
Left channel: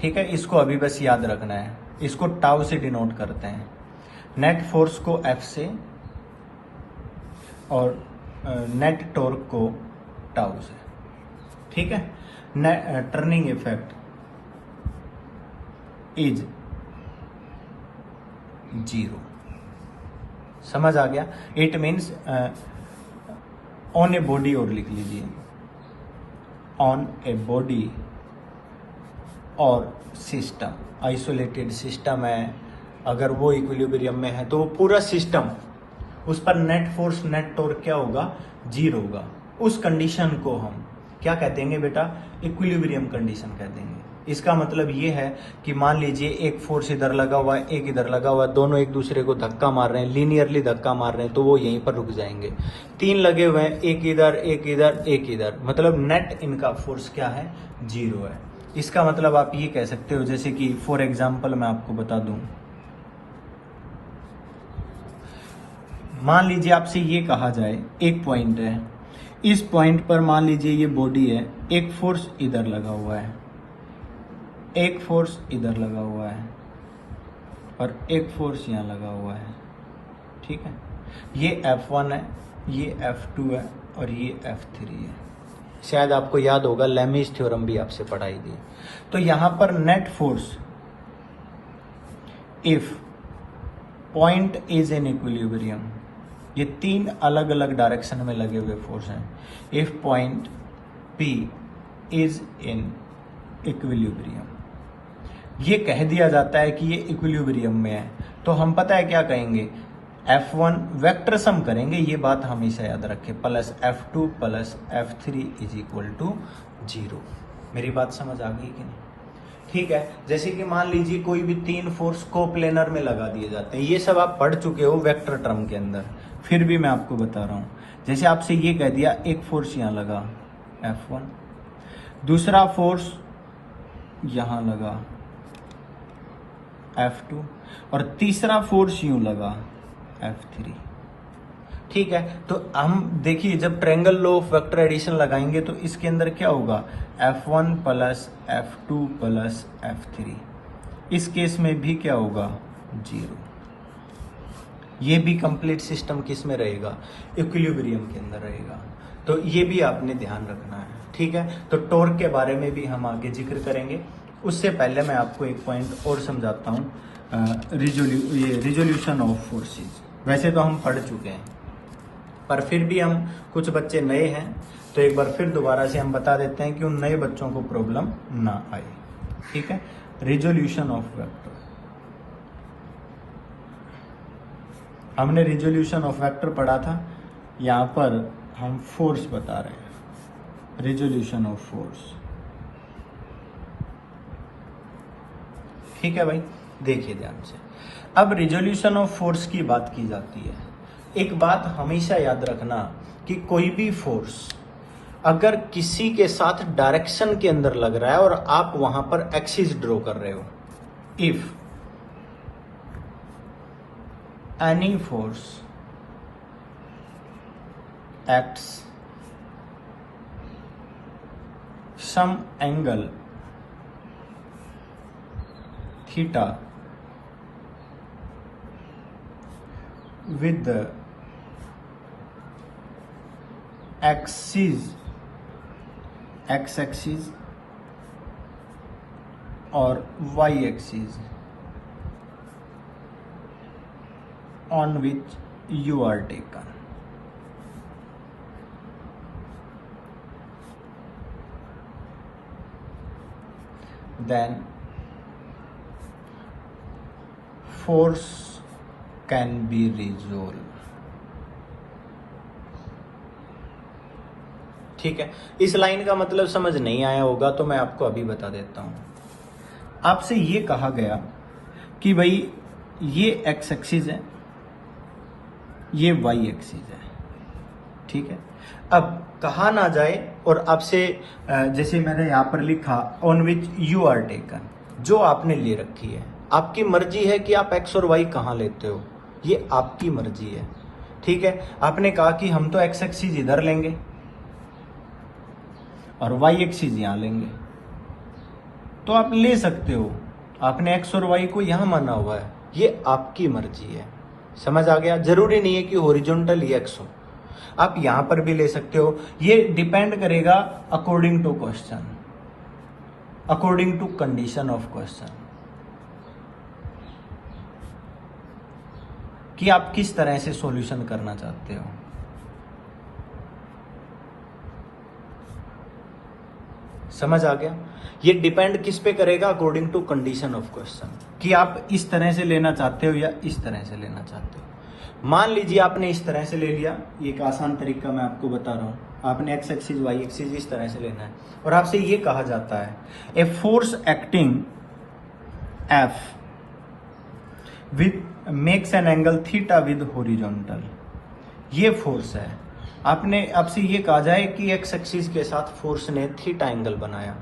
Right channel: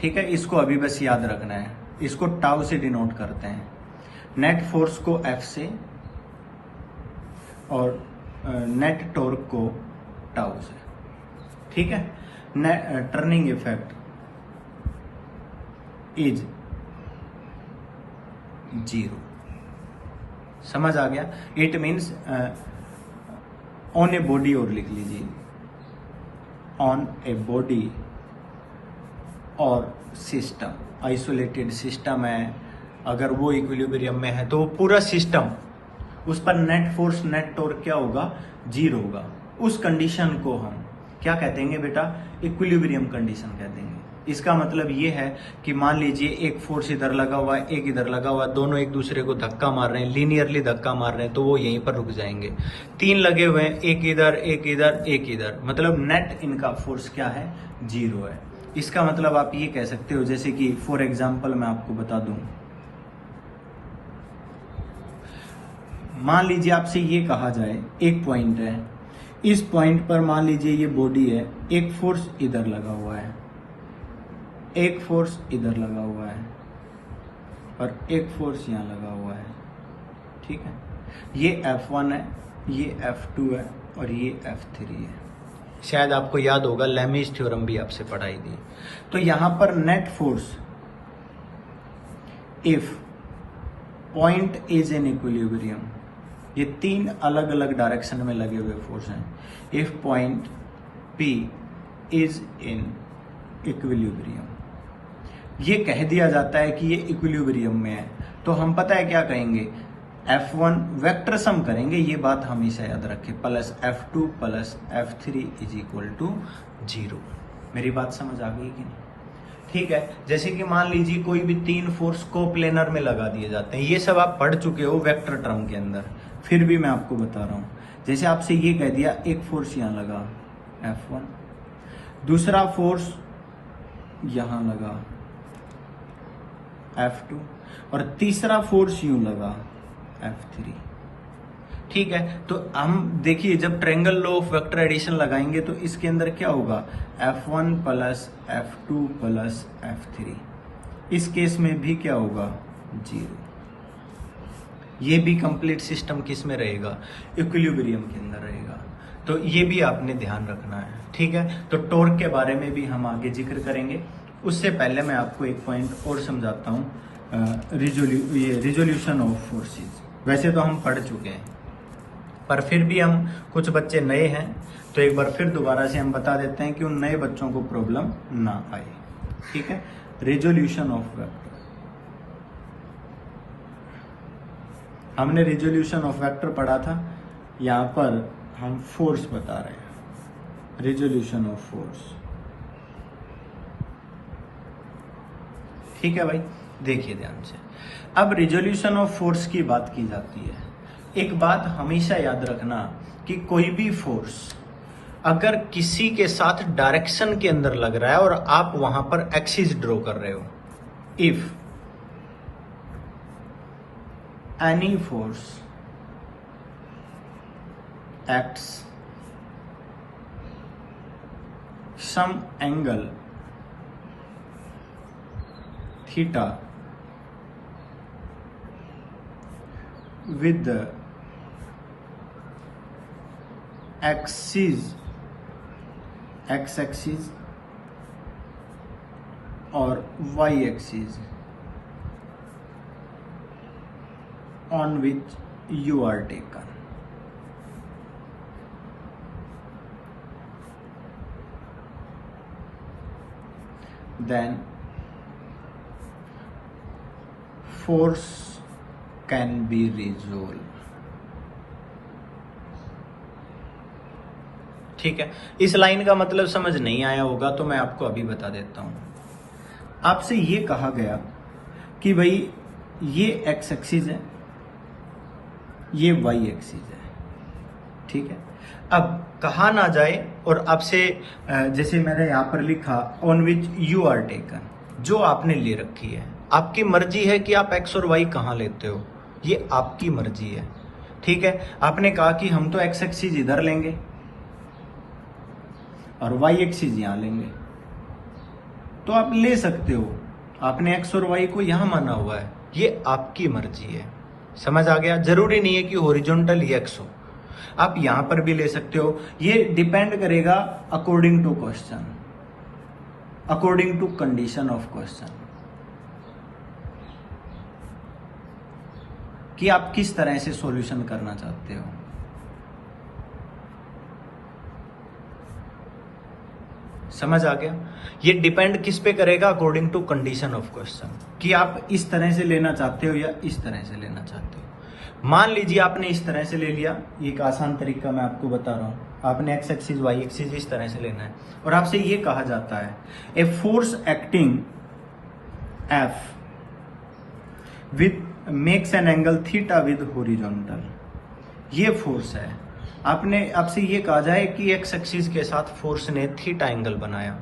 ठीक है? इसको अभी बस याद रखना है। इसको टाउ से डिनोट करते हैं, नेट फोर्स को F से और नेट टॉर्क को टाउ से, ठीक है? Turning effect is zero. समझ आ गया? It means on a body, और लिख लीजिए ऑन ए बॉडी और सिस्टम, आइसोलेटेड सिस्टम है, अगर वो इक्विलिब्रियम में है तो वो पूरा सिस्टम, उस पर नेट फोर्स नेट टॉर्क क्या होगा, जीरो होगा। उस कंडीशन को हम क्या कहते हैं बेटा, इक्विलिब्रियम कंडीशन कह देंगे। इसका मतलब ये है कि मान लीजिए एक फोर्स इधर लगा हुआ है, एक इधर लगा हुआ है, दोनों एक दूसरे को धक्का मार रहे हैं, लीनियरली धक्का मार रहे हैं, तो वो यहीं पर रुक जाएंगे। तीन लगे हुए हैं, एक इधर एक इधर एक इधर, मतलब नेट इनका फोर्स क्या है, जीरो है। इसका मतलब आप ये कह सकते हो, जैसे कि फॉर एग्जाम्पल मैं आपको बता दूं, मान लीजिए आपसे ये कहा जाए एक पॉइंट है, इस पॉइंट पर मान लीजिए ये बॉडी है, एक फोर्स इधर लगा हुआ है, एक फोर्स इधर लगा हुआ है और एक फोर्स यहाँ लगा हुआ है, ठीक है? ये F1 है, ये F2 है और ये F3 है। शायद आपको याद होगा, लेमीज थ्योरम भी आपसे पढ़ाई गई। तो यहां पर net force if point is in equilibrium, ये 3 अलग अलग डायरेक्शन में लगे हुए फोर्स हैं। If point P is in equilibrium, ये कह दिया जाता है कि ये इक्विलिब्रियम में है, तो हम पता है क्या कहेंगे, F1 वेक्टर सम करेंगे, ये बात हमेशा याद रखें, plus F2 plus F3 is equal to 0। मेरी बात समझ आ गई कि नहीं? ठीक है, जैसे कि मान लीजिए कोई भी 3 फोर्स कोप्लेनर में लगा दिए जाते हैं, ये सब आप पढ़ चुके हो वेक्टर टर्म के अंदर, फिर भी मैं आपको बता रहा हूं। जैसे आपसे ये कह दिया एक फोर्स यहां लगा F1, दूसरा फोर्स यहां लगा F2 और तीसरा फोर्स यूं लगा F3। ठीक है, तो हम देखिए जब triangle law of vector addition लगाएंगे तो इसके अंदर क्या होगा, F1 plus F2 plus F3। इस केस में भी क्या होगा, 0। ये भी कंप्लीट सिस्टम किस में रहेगा, इक्विलिब्रियम के अंदर रहेगा। तो ये भी आपने ध्यान रखना है। ठीक है, तो टॉर्क के बारे में भी हम आगे जिक्र करेंगे। उससे पहले मैं आपको एक पॉइंट और समझाता हूँ, रिजोल्यूशन ऑफ फोर्सेस। वैसे तो हम पढ़ चुके हैं, पर फिर भी हम कुछ बच्चे नए हैं, तो एक बार फिर दोबारा से हम बता देते हैं कि उन नए बच्चों को प्रॉब्लम ना आए। ठीक है, रिजोल्यूशन ऑफ वेक्टर, हमने रिजोल्यूशन ऑफ वेक्टर पढ़ा था, यहां पर हम फोर्स बता रहे हैं, रिजोल्यूशन ऑफ फोर्स। ठीक है भाई, देखिए ध्यान से। अब रिजोल्यूशन ऑफ फोर्स की बात की जाती है, एक बात हमेशा याद रखना कि कोई भी फोर्स अगर किसी के साथ डायरेक्शन के अंदर लग रहा है और आप वहां पर एक्सिस ड्रॉ कर रहे हो, if any force acts some angle theta with the x-axis or y-axis on which you are taken, then force can be resolved। ठीक है, इस लाइन का मतलब समझ नहीं आया होगा तो मैं आपको अभी बता देता हूं। आपसे ये कहा गया कि भाई ये एक्स एक्सिस है, ये वाई एक्सिस है। ठीक है, अब कहा ना जाए और आपसे जैसे मैंने यहां पर लिखा on which you are taken, जो आपने ले रखी है, आपकी मर्जी है कि आप एक्स और वाई कहां लेते हो, ये आपकी मर्जी है। ठीक है, आपने कहा कि हम तो एक्स एक्सिस इधर लेंगे और वाई एक्सिस यहां लेंगे, तो आप ले सकते हो। आपने एक्स और वाई को यहां माना हुआ है, ये आपकी मर्जी है। समझ आ गया? जरूरी नहीं है कि हॉरिजॉन्टल ही एक्स हो, आप यहां पर भी ले सकते हो। ये डिपेंड करेगा according to question, according to condition of question, कि आप किस तरह से सॉल्यूशन करना चाहते हो। समझ आ गया? ये डिपेंड किस पे करेगा, according to condition of question, कि आप इस तरह से लेना चाहते हो या इस तरह से लेना चाहते हो। मान लीजिए आपने इस तरह से ले लिया, ये एक आसान तरीका मैं आपको बता रहा हूं। आपने एक्स एक्सिस वाई एक्सिस इस तरह से लेना है और आपसे ये कहा जाता है a force acting F with makes an angle theta with horizontal, ये फोर्स है। आपसे ये कहा जाए कि एक्स एक्सिस के साथ फोर्स ने थीटा एंगल बनाया,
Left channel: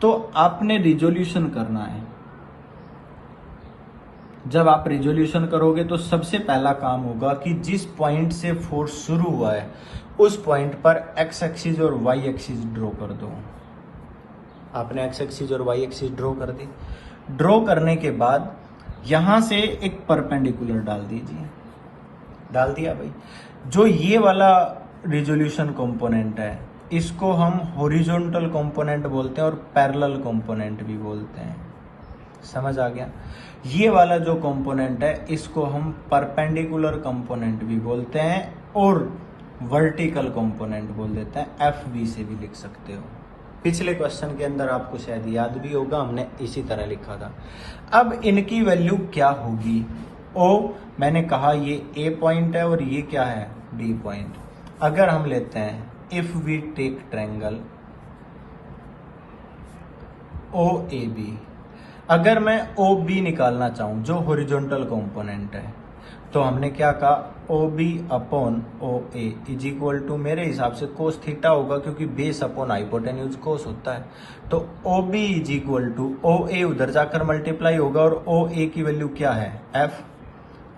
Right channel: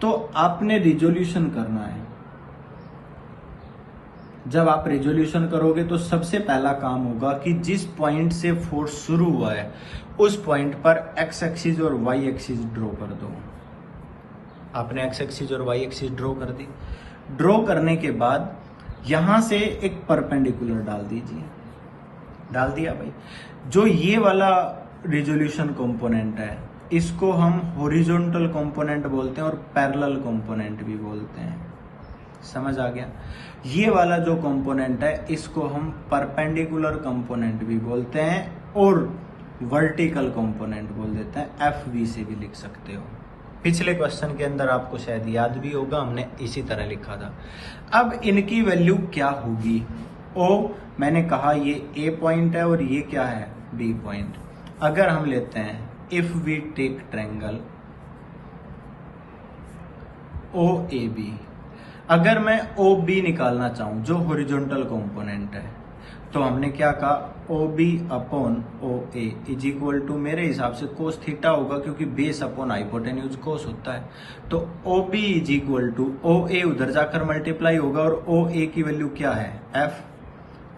तो आपने रिजोल्यूशन करना है। जब आप रिजोल्यूशन करोगे तो सबसे पहला काम होगा कि जिस पॉइंट से फोर्स शुरू हुआ है उस पॉइंट पर एक्स एक्सिस और वाई एक्सिस ड्रॉ कर दो। आपने एक्स एक्सिस और वाई एक्सिस ड्रॉ कर दी। ड्रॉ करने के बाद यहां से एक परपेंडिकुलर डाल दीजिए। डाल दिया भाई। जो ये वाला रिजोल्यूशन कंपोनेंट है, इसको हम हॉरिजॉन्टल कंपोनेंट बोलते हैं और पैरेलल कंपोनेंट भी बोलते हैं। समझ आ गया? ये वाला जो कंपोनेंट है इसको हम परपेंडिकुलर कंपोनेंट भी बोलते हैं और वर्टिकल कंपोनेंट बोल देते हैं। FV से भी लिख सकते हो। पिछले क्वेश्चन के अंदर आपको शायद याद भी होगा, हमने इसी तरह लिखा था। अब इनकी वैल्यू क्या होगी? O मैंने कहा ये A पॉइंट है और ये क्या है? D point. अगर हम लेते हैं if we take triangle OAB, अगर मैं OB निकालना चाहूं जो हॉरिजॉन्टल कंपोनेंट है, तो हमने क्या कहा? OB upon OA is equal to, मेरे हिसाब से कोस थीटा होगा क्योंकि बेस अपॉन हाइपोटेन्यूज कोस होता है। तो OB is equal to OA उधर जाकर मल्टीप्लाई होगा और OA की वैल्यू क्या है? F।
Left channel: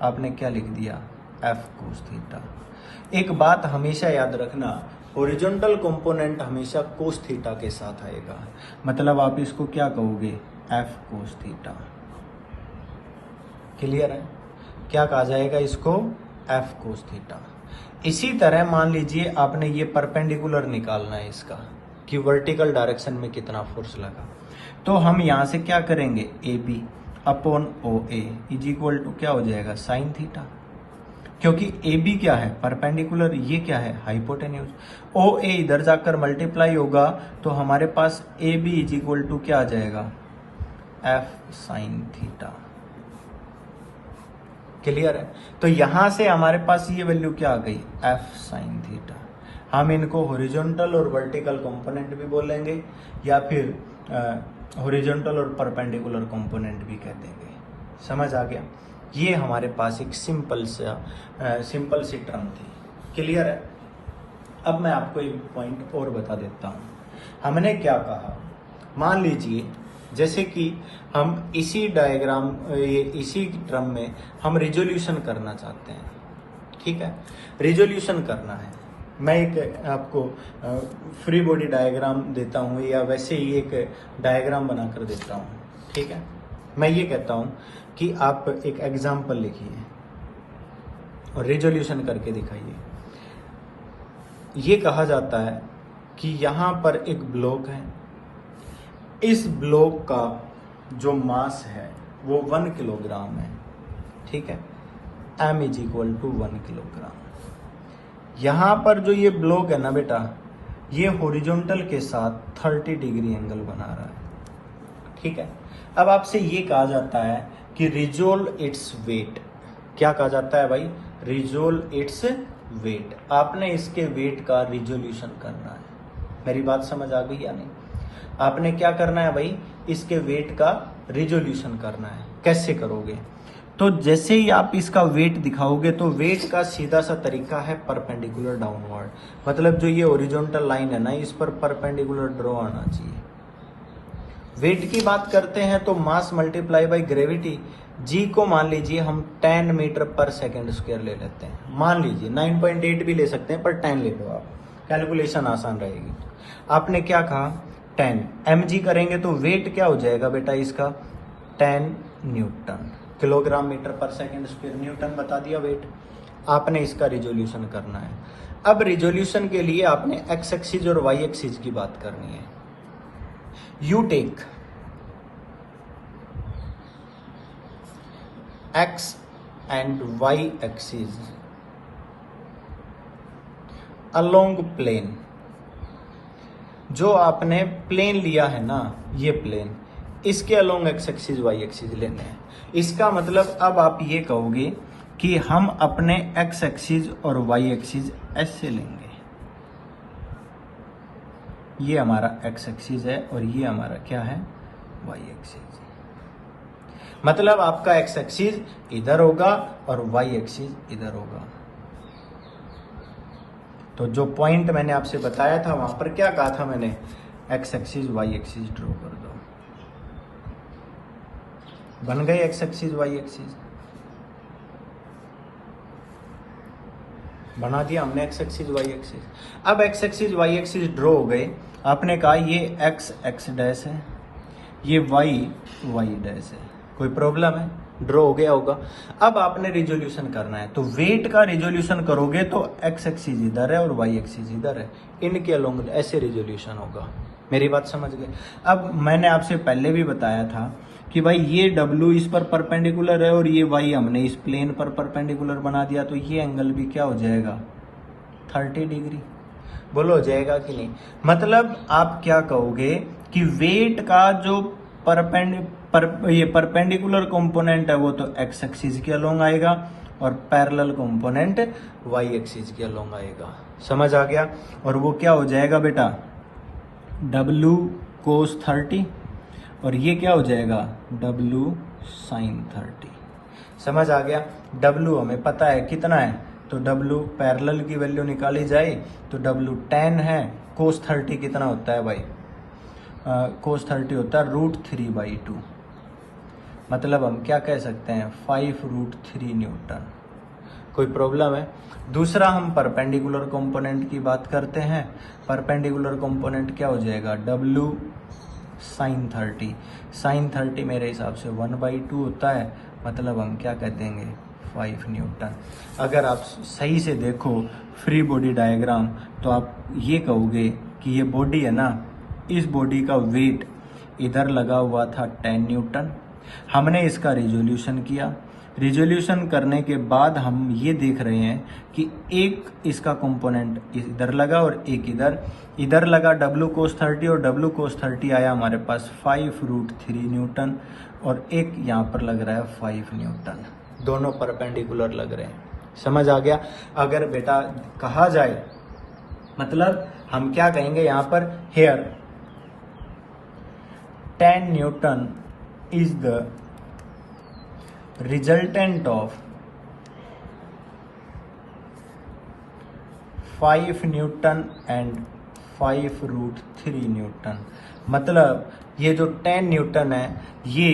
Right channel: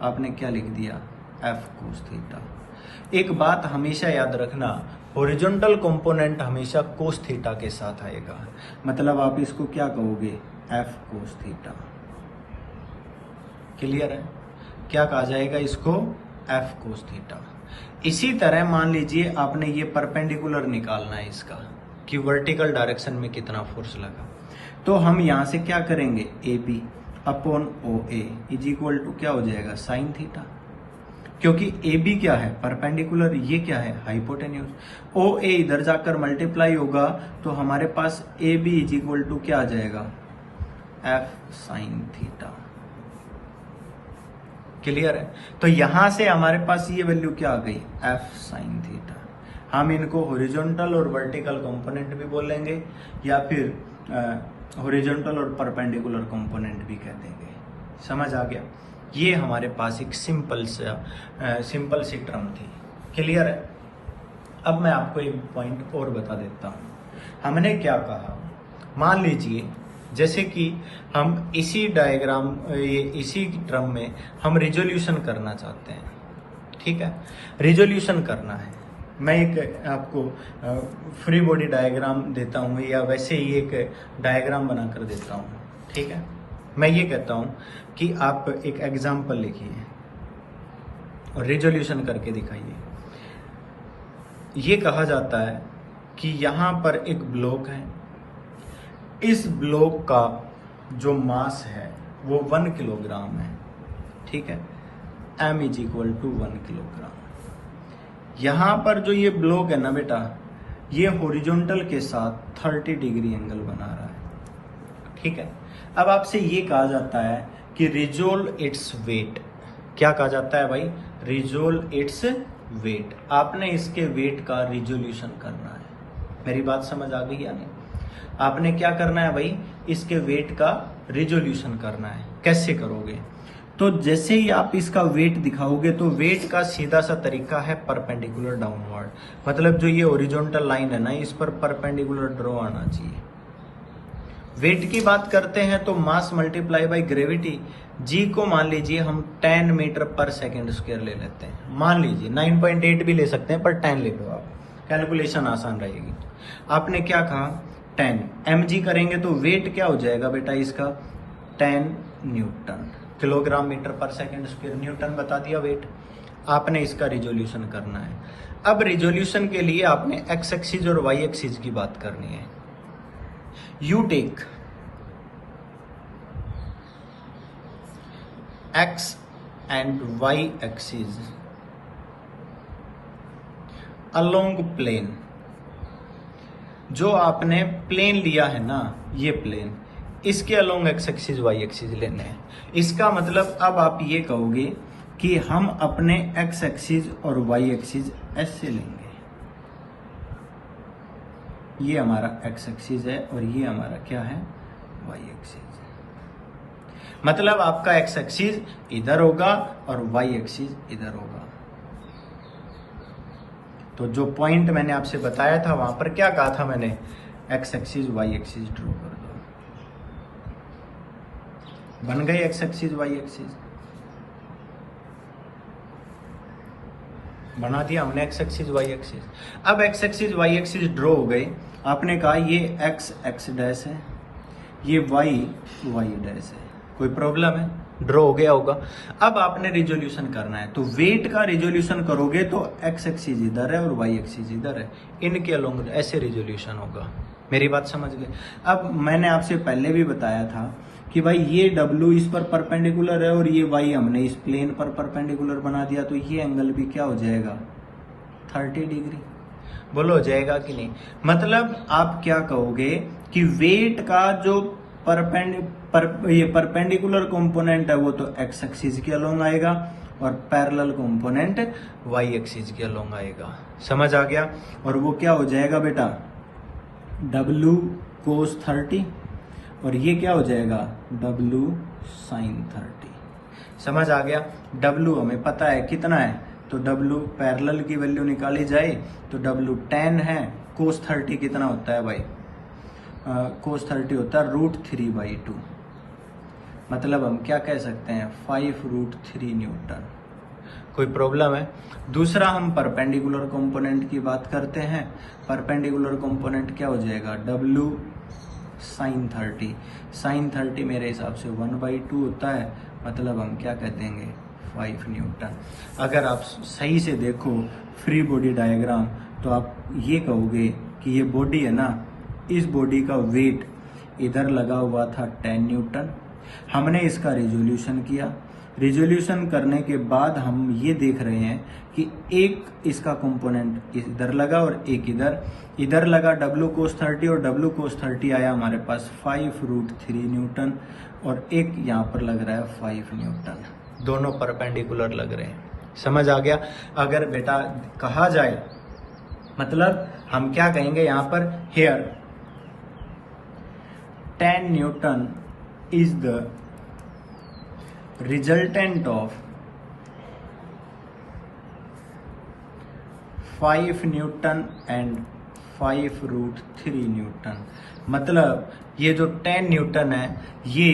आपने क्या लिख दिया? F cos theta. एक बात हमेशा याद रखना, हॉरिजॉन्टल कंपोनेंट हमेशा कोस थीटा के साथ आएगा, मतलब आप इसको क्या कहोगे? F cos theta. क्लियर है? क्या कहा जाएगा इसको? F cos theta. इसी तरह मान लीजिए आपने ये परपेंडिकुलर निकालना है इसका कि वर्टिकल डायरेक्शन में कितना फोर्स लगा, तो हम यहां से क्या करेंगे? AB upon OA is equal to क्या हो जाएगा? साइन थीटा, क्योंकि AB क्या है? परपेंडिकुलर, ये क्या है? हाइपोटेन्यूज। OA इधर जाकर मल्टीप्लाई होगा तो हमारे पास AB इज इक्वल टू क्या आ जाएगा? F sine theta. क्लियर है? तो यहां से हमारे पास ये वैल्यू क्या आ गई? F sine theta. हम इनको हॉरिजॉन्टल और वर्टिकल कंपोनेंट भी बोलेंगे या फिर हॉरिजॉन्टल और परपेंडिकुलर कंपोनेंट भी कह देंगे। समझ आ गया? ये हमारे पास एक सिंपल सी टर्म थी। क्लियर है? अब मैं आपको एक पॉइंट और बता देता हूं। हमने क्या कहा? मान लीजिए जैसे कि हम इसी टर्म में हम रिजोल्यूशन करना चाहते हैं। ठीक है? रिजोल्यूशन करना है। मैं एक आपको फ्री बॉडी डायग्राम देता हूं या वैसे ही एक डायग्राम बनाकर देता हूं। ठीक है? मैं ये कहता हूं कि आप एक एग्जाम्पल लिखिए और रिजोल्यूशन करके दिखाइए। ये कहा जाता है कि यहां पर एक ब्लॉक है, इस ब्लॉक का जो मास है वो 1 किलोग्राम है। ठीक है? M is equal to 1 kilogram. यहां पर जो ये ब्लॉक है ना बेटा, ये हॉरिजॉन्टल के साथ 30 डिग्री एंगल बना रहा है। ठीक है? अब आपसे ये कहा जाता है कि रिजोल्व इट्स वेट। क्या कहा जाता है भाई? Resolve its weight. आपने इसके वेट का रिजोल्यूशन करना है। मेरी बात समझ आ गई या नहीं? आपने क्या करना है भाई? इसके वेट का रिजोल्यूशन करना है। कैसे करोगे? तो जैसे ही आप इसका वेट दिखाओगे तो वेट का सीधा सा तरीका है परपेंडिकुलर डाउनवर्ड, मतलब जो ये हॉरिजॉन्टल लाइन है ना, इस पर परपेंडिकुलर ड्रॉ आना चाहिए। वेट की बात करते हैं तो मास मल्टीप्लाई बाय ग्रेविटी। जी को मान लीजिए हम 10 मीटर पर सेकेंड स्क्वायर ले लेते हैं। मान लीजिए 9.8 भी ले सकते हैं, पर 10 ले लो आप, कैलकुलेशन आसान रहेगी। आपने क्या कहा? 10 mg करेंगे तो वेट क्या हो जाएगा बेटा इसका? 10 न्यूटन। किलोग्राम मीटर पर सेकेंड स्क्वायर, न्यूटन बता दिया वेट। आपने इसका रिजोल्यूशन करना है। अब रिजोल्यूशन के लिए आपने एक्स एक्सिस और वाई एक्सिस की बात करनी है। You take x and y axis along plane. जो आपने प्लेन लिया है ना, ये प्लेन, इसके along x axis y axis लेने हैं। इसका मतलब अब आप ये कहोगे कि हम अपने एक्स एक्सिस और वाई एक्सिस ऐसे लेंगे। ये हमारा एक्स एक्सिस है और ये हमारा क्या है? Y axis. मतलब आपका एक्स एक्सिस इधर होगा और वाई एक्सिस इधर होगा। तो जो पॉइंट मैंने आपसे बताया था वहां पर क्या कहा था मैंने? X axis y axis draw कर दो। बन गए एक्स एक्सिस वाई एक्सिस। बना दिया हमने एक्स एक्सिस वाई एक्सिस। अब x axis y axis draw हो गए। आपने कहा ये एक्स एक्स डैश है, ये वाई वाई डैश है। कोई प्रॉब्लम है? ड्रॉ हो गया होगा। अब आपने रिजोल्यूशन करना है, तो वेट का रिजोल्यूशन करोगे तो एक्स एक्सिस इधर है और वाई एक्सिस इधर है, इनके अलोंग ऐसे रिजोल्यूशन होगा। मेरी बात समझ गए। अब मैंने आपसे पहले भी बताया था कि भाई ये W इस पर परपेंडिकुलर है और ये Y हमने इस प्लेन पर परपेंडिकुलर बना दिया, तो ये एंगल भी क्या हो जाएगा 30 डिग्री। बोलो हो जाएगा कि नहीं। मतलब आप क्या कहोगे कि वेट का जो ये परपेंडिकुलर कंपोनेंट है वो तो एक्स एक्सिस के अलोंग आएगा और पैरेलल कंपोनेंट वाई एक्सिस के अलोंग आएगा। समझ आ गया। और वो क्या हो जाएगा बेटा W cos 30 और ये क्या हो जाएगा W sin 30। समझ आ गया। W हमें पता है कितना है, तो W पैरेलल की वैल्यू निकाली जाए तो W tan है, cos 30 कितना होता है भाई, cos 30 होता है √3/2। मतलब हम क्या कह सकते हैं 5√3 न्यूटन। कोई प्रॉब्लम है। दूसरा हम परपेंडिकुलर कंपोनेंट की बात करते हैं। परपेंडिकुलर कंपोनेंट क्या हो जाएगा W sin 30। sin 30 मेरे हिसाब से 1/2 होता है, मतलब हम क्या कह देंगे 5 न्यूटन। अगर आप सही से देखो फ्री बॉडी डायग्राम तो आप ये कहोगे कि ये बॉडी है ना, इस बॉडी का वेट इधर लगा हुआ था 10 न्यूटन। हमने इसका रिजोल्यूशन किया, रिजोल्यूशन करने के बाद हम ये देख रहे हैं कि एक इसका कंपोनेंट इधर लगा और एक इधर लगा W cos 30 और W cos 30 आया हमारे पास 5√3 न्यूटन और एक यहाँ पर लग रहा है 5 न्यूटन। दोनों परपेंडिकुलर लग रहे हैं। समझ आ गया। अगर बेटा कहा जाए मतलब हम क्या कहेंगे यहाँ पर here 10 newton is the resultant of 5 newton and 5√3 newton. मतलब ये जो 10 न्यूटन है ये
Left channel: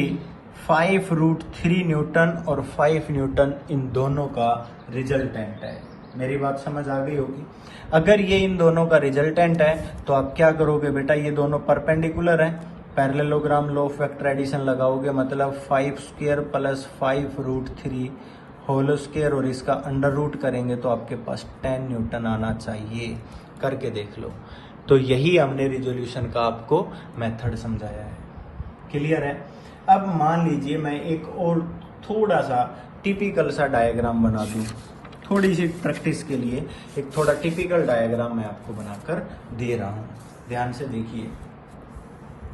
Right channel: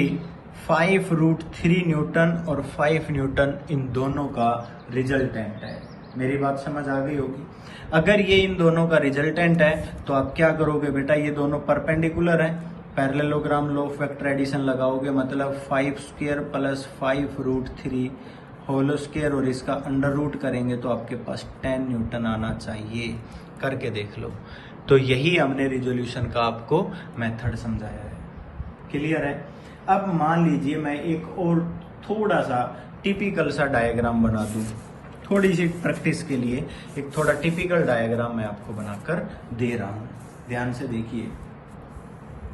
5√3 न्यूटन और 5 न्यूटन इन दोनों का रिजल्टेंट है। मेरी बात समझ आ गई होगी। अगर ये इन दोनों का रिजल्टेंट है तो आप क्या करोगे बेटा, ये दोनों परपेंडिकुलर हैं, parallelogram law of vector addition लगाओगे, मतलब 5² + 5√3 होल स्क्वायर और इसका अंडर रूट करेंगे तो आपके पास 10 न्यूटन आना चाहिए। करके देख लो। तो यही हमने रिजोल्यूशन का आपको मेथड समझाया है। क्लियर है। अब मान लीजिए मैं एक और थोड़ा सा टिपिकल सा डायग्राम बना दूं, थोड़ी सी प्रैक्टिस के लिए एक थोड़ा टिपिकल डायग्राम मैं आपको बनाकर दे रहा हूं। ध्यान से देखिए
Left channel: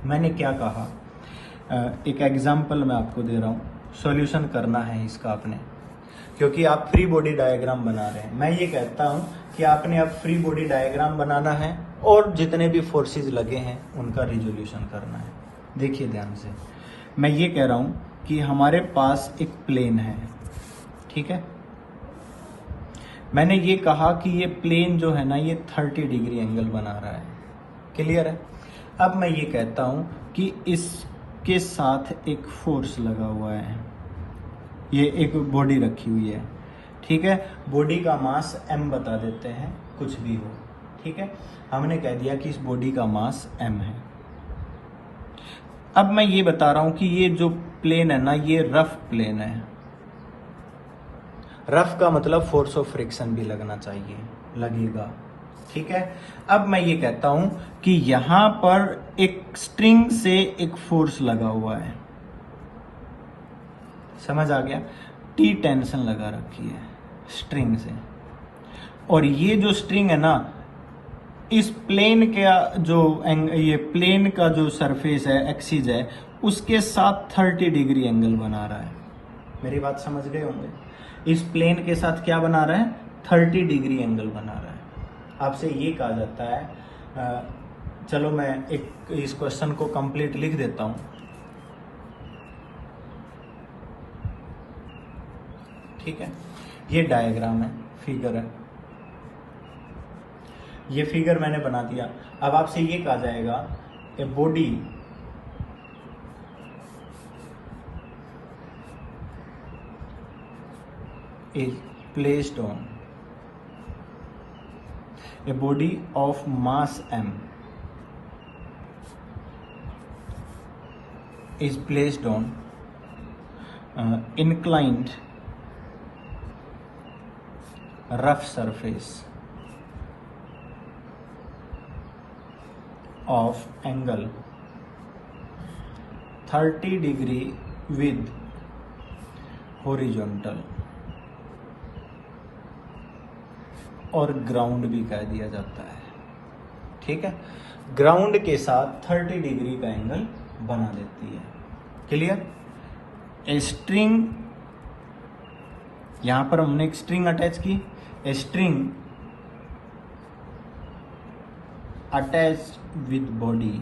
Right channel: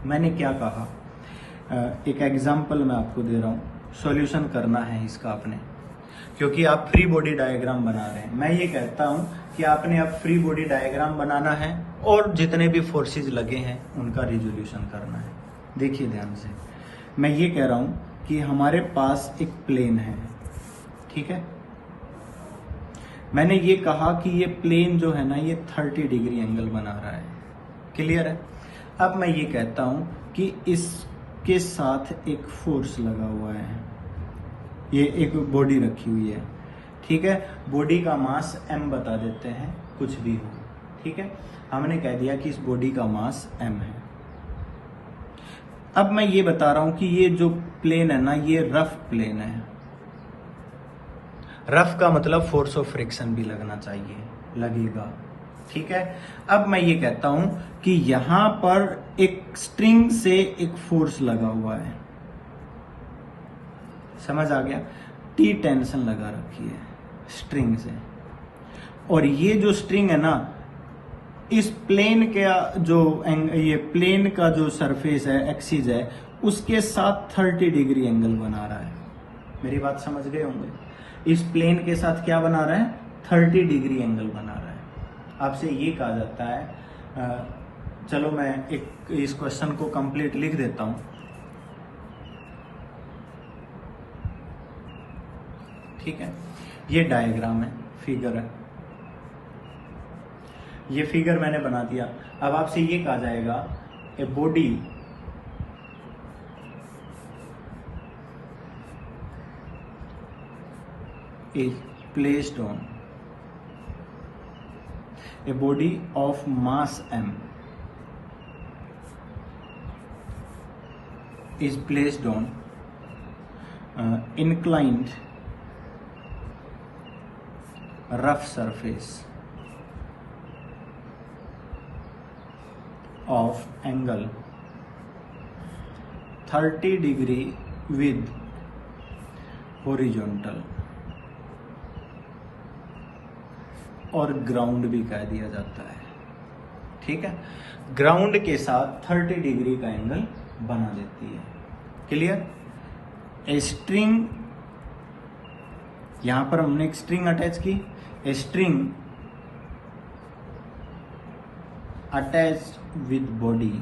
मैंने क्या कहा, एक एग्जाम्पल मैं आपको दे रहा हूँ, सॉल्यूशन करना है इसका आपने, क्योंकि आप फ्री बॉडी डायग्राम बना रहे हैं। मैं ये कहता हूँ कि आपने अब फ्री बॉडी डायग्राम बनाना है और जितने भी फोर्सेस लगे हैं उनका रिजोल्यूशन करना है। देखिए ध्यान से, मैं ये कह रहा हूँ कि हमारे पास एक प्लेन है, ठीक है। मैंने ये कहा कि ये प्लेन जो है ना ये 30 डिग्री एंगल बना रहा है। क्लियर है। अब मैं ये कहता हूं कि इसके साथ एक फोर्स लगा हुआ है, ये एक बॉडी रखी हुई है, ठीक है। बॉडी का मास m बता देते हैं, कुछ भी हो, ठीक है। हमने कह दिया कि इस बॉडी का मास m है। अब मैं ये बता रहा हूं कि ये जो प्लेन है ना ये रफ प्लेन है। रफ का मतलब फोर्स ऑफ फ्रिक्शन भी लगना चाहिए, लगेगा, ठीक है। अब मैं ये कहता हूं कि यहां पर एक स्ट्रिंग से एक फोर्स लगा हुआ है, समझ आ गया। T टेंशन लगा रखी है स्ट्रिंग से, और ये जो स्ट्रिंग है ना इस प्लेन के जो ये प्लेन का जो सरफेस है एक्सिस है उसके साथ 30 डिग्री एंगल बना रहा है। मेरी बात समझ गए होंगे। इस प्लेन के साथ क्या बना रहा है 30 डिग्री एंगल बना रहा है। आपसे ये कहा जाता है, चलो मैं एक इस क्वेश्चन को कंप्लीट लिख देता हूं, ठीक है। ये डायग्राम है, फिगर है, ये फिगर मैंने बना दिया। अब आपसे ये कहा जाएगा a body is placed on a body of mass m is placed on inclined rough surface of angle 30 degree with horizontal और ग्राउंड भी कह दिया जाता है। ठीक है, ग्राउंड के साथ 30 डिग्री का एंगल बना देती है। क्लियर? ए स्ट्रिंग, यहां पर हमने एक स्ट्रिंग अटैच की, a string attach with body.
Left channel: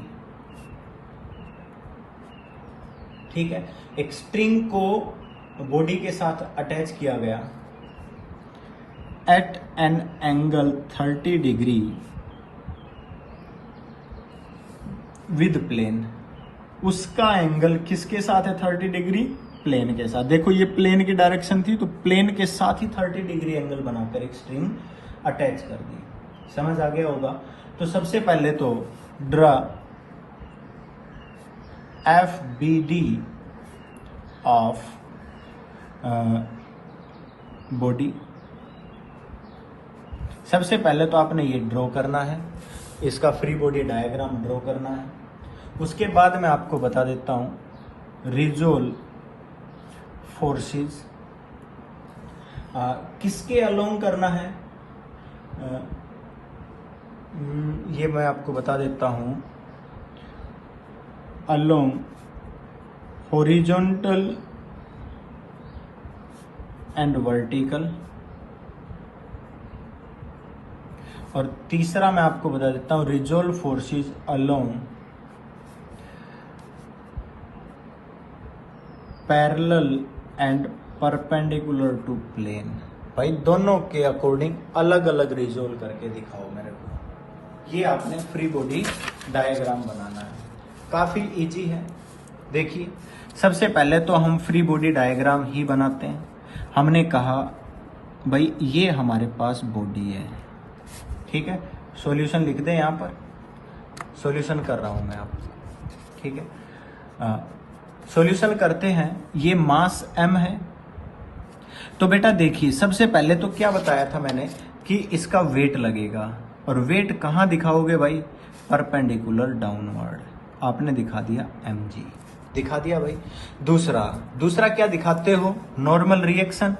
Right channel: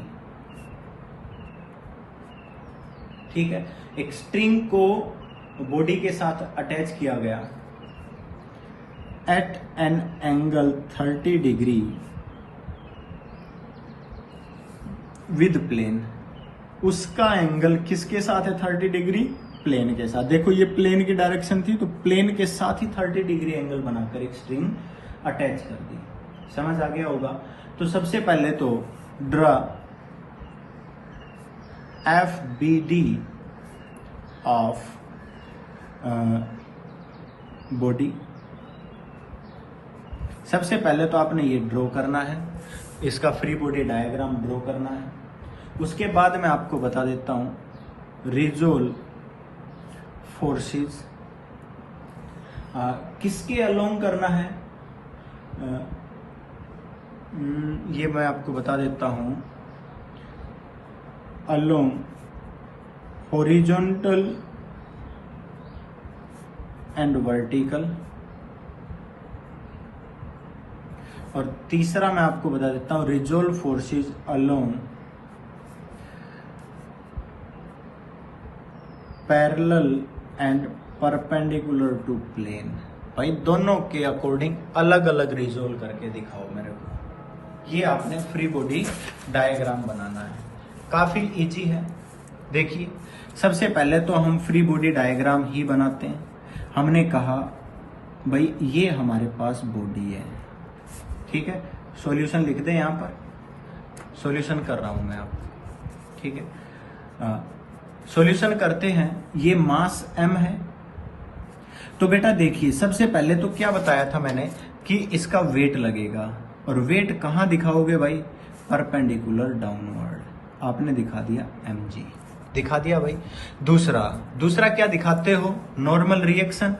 ठीक है, एक स्ट्रिंग को बॉडी के साथ अटैच किया गया at an angle 30 degree with plane. उसका एंगल किसके साथ है 30 डिग्री? प्लेन के साथ। देखो ये प्लेन की डायरेक्शन थी, तो प्लेन के साथ ही 30 डिग्री एंगल बनाकर एक स्ट्रिंग अटैच कर दी। समझ आ गया होगा? तो सबसे पहले तो draw F B D of body. सबसे पहले तो आपने ये ड्रॉ करना है, इसका फ्री बॉडी डायग्राम ड्रॉ करना है। उसके बाद मैं आपको बता देता हूं रिजोल्व फोर्सेस किसके अलोंग करना है, ये मैं आपको बता देता हूं। Along horizontal and vertical. और तीसरा मैं आपको बता देता हूं resolve forces along parallel and perpendicular to plane. भाई दोनों के अकॉर्डिंग अलग अलग रिजोल्व करके दिखाओ मेरे को। ये आपने फ्री बॉडी डायग्राम बनाना है, काफी इजी है। देखिए सबसे पहले तो हम फ्री बॉडी डायग्राम ही बनाते हैं। हमने कहा भाई ये हमारे पास बॉडी है, ठीक है। सॉल्यूशन लिख दें, यहाँ पर सॉल्यूशन कर रहा हूं मैं आपको, ठीक है। सॉल्यूशन करते हैं। ये मास m है, तो बेटा देखिए सबसे पहले तो क्या बताया था मैंने कि इसका वेट लगेगा, और वेट कहाँ दिखाओगे भाई? Perpendicular downward. आपने दिखा दिया mg, दिखा दिया भाई। दूसरा क्या दिखाते हो? Normal reaction.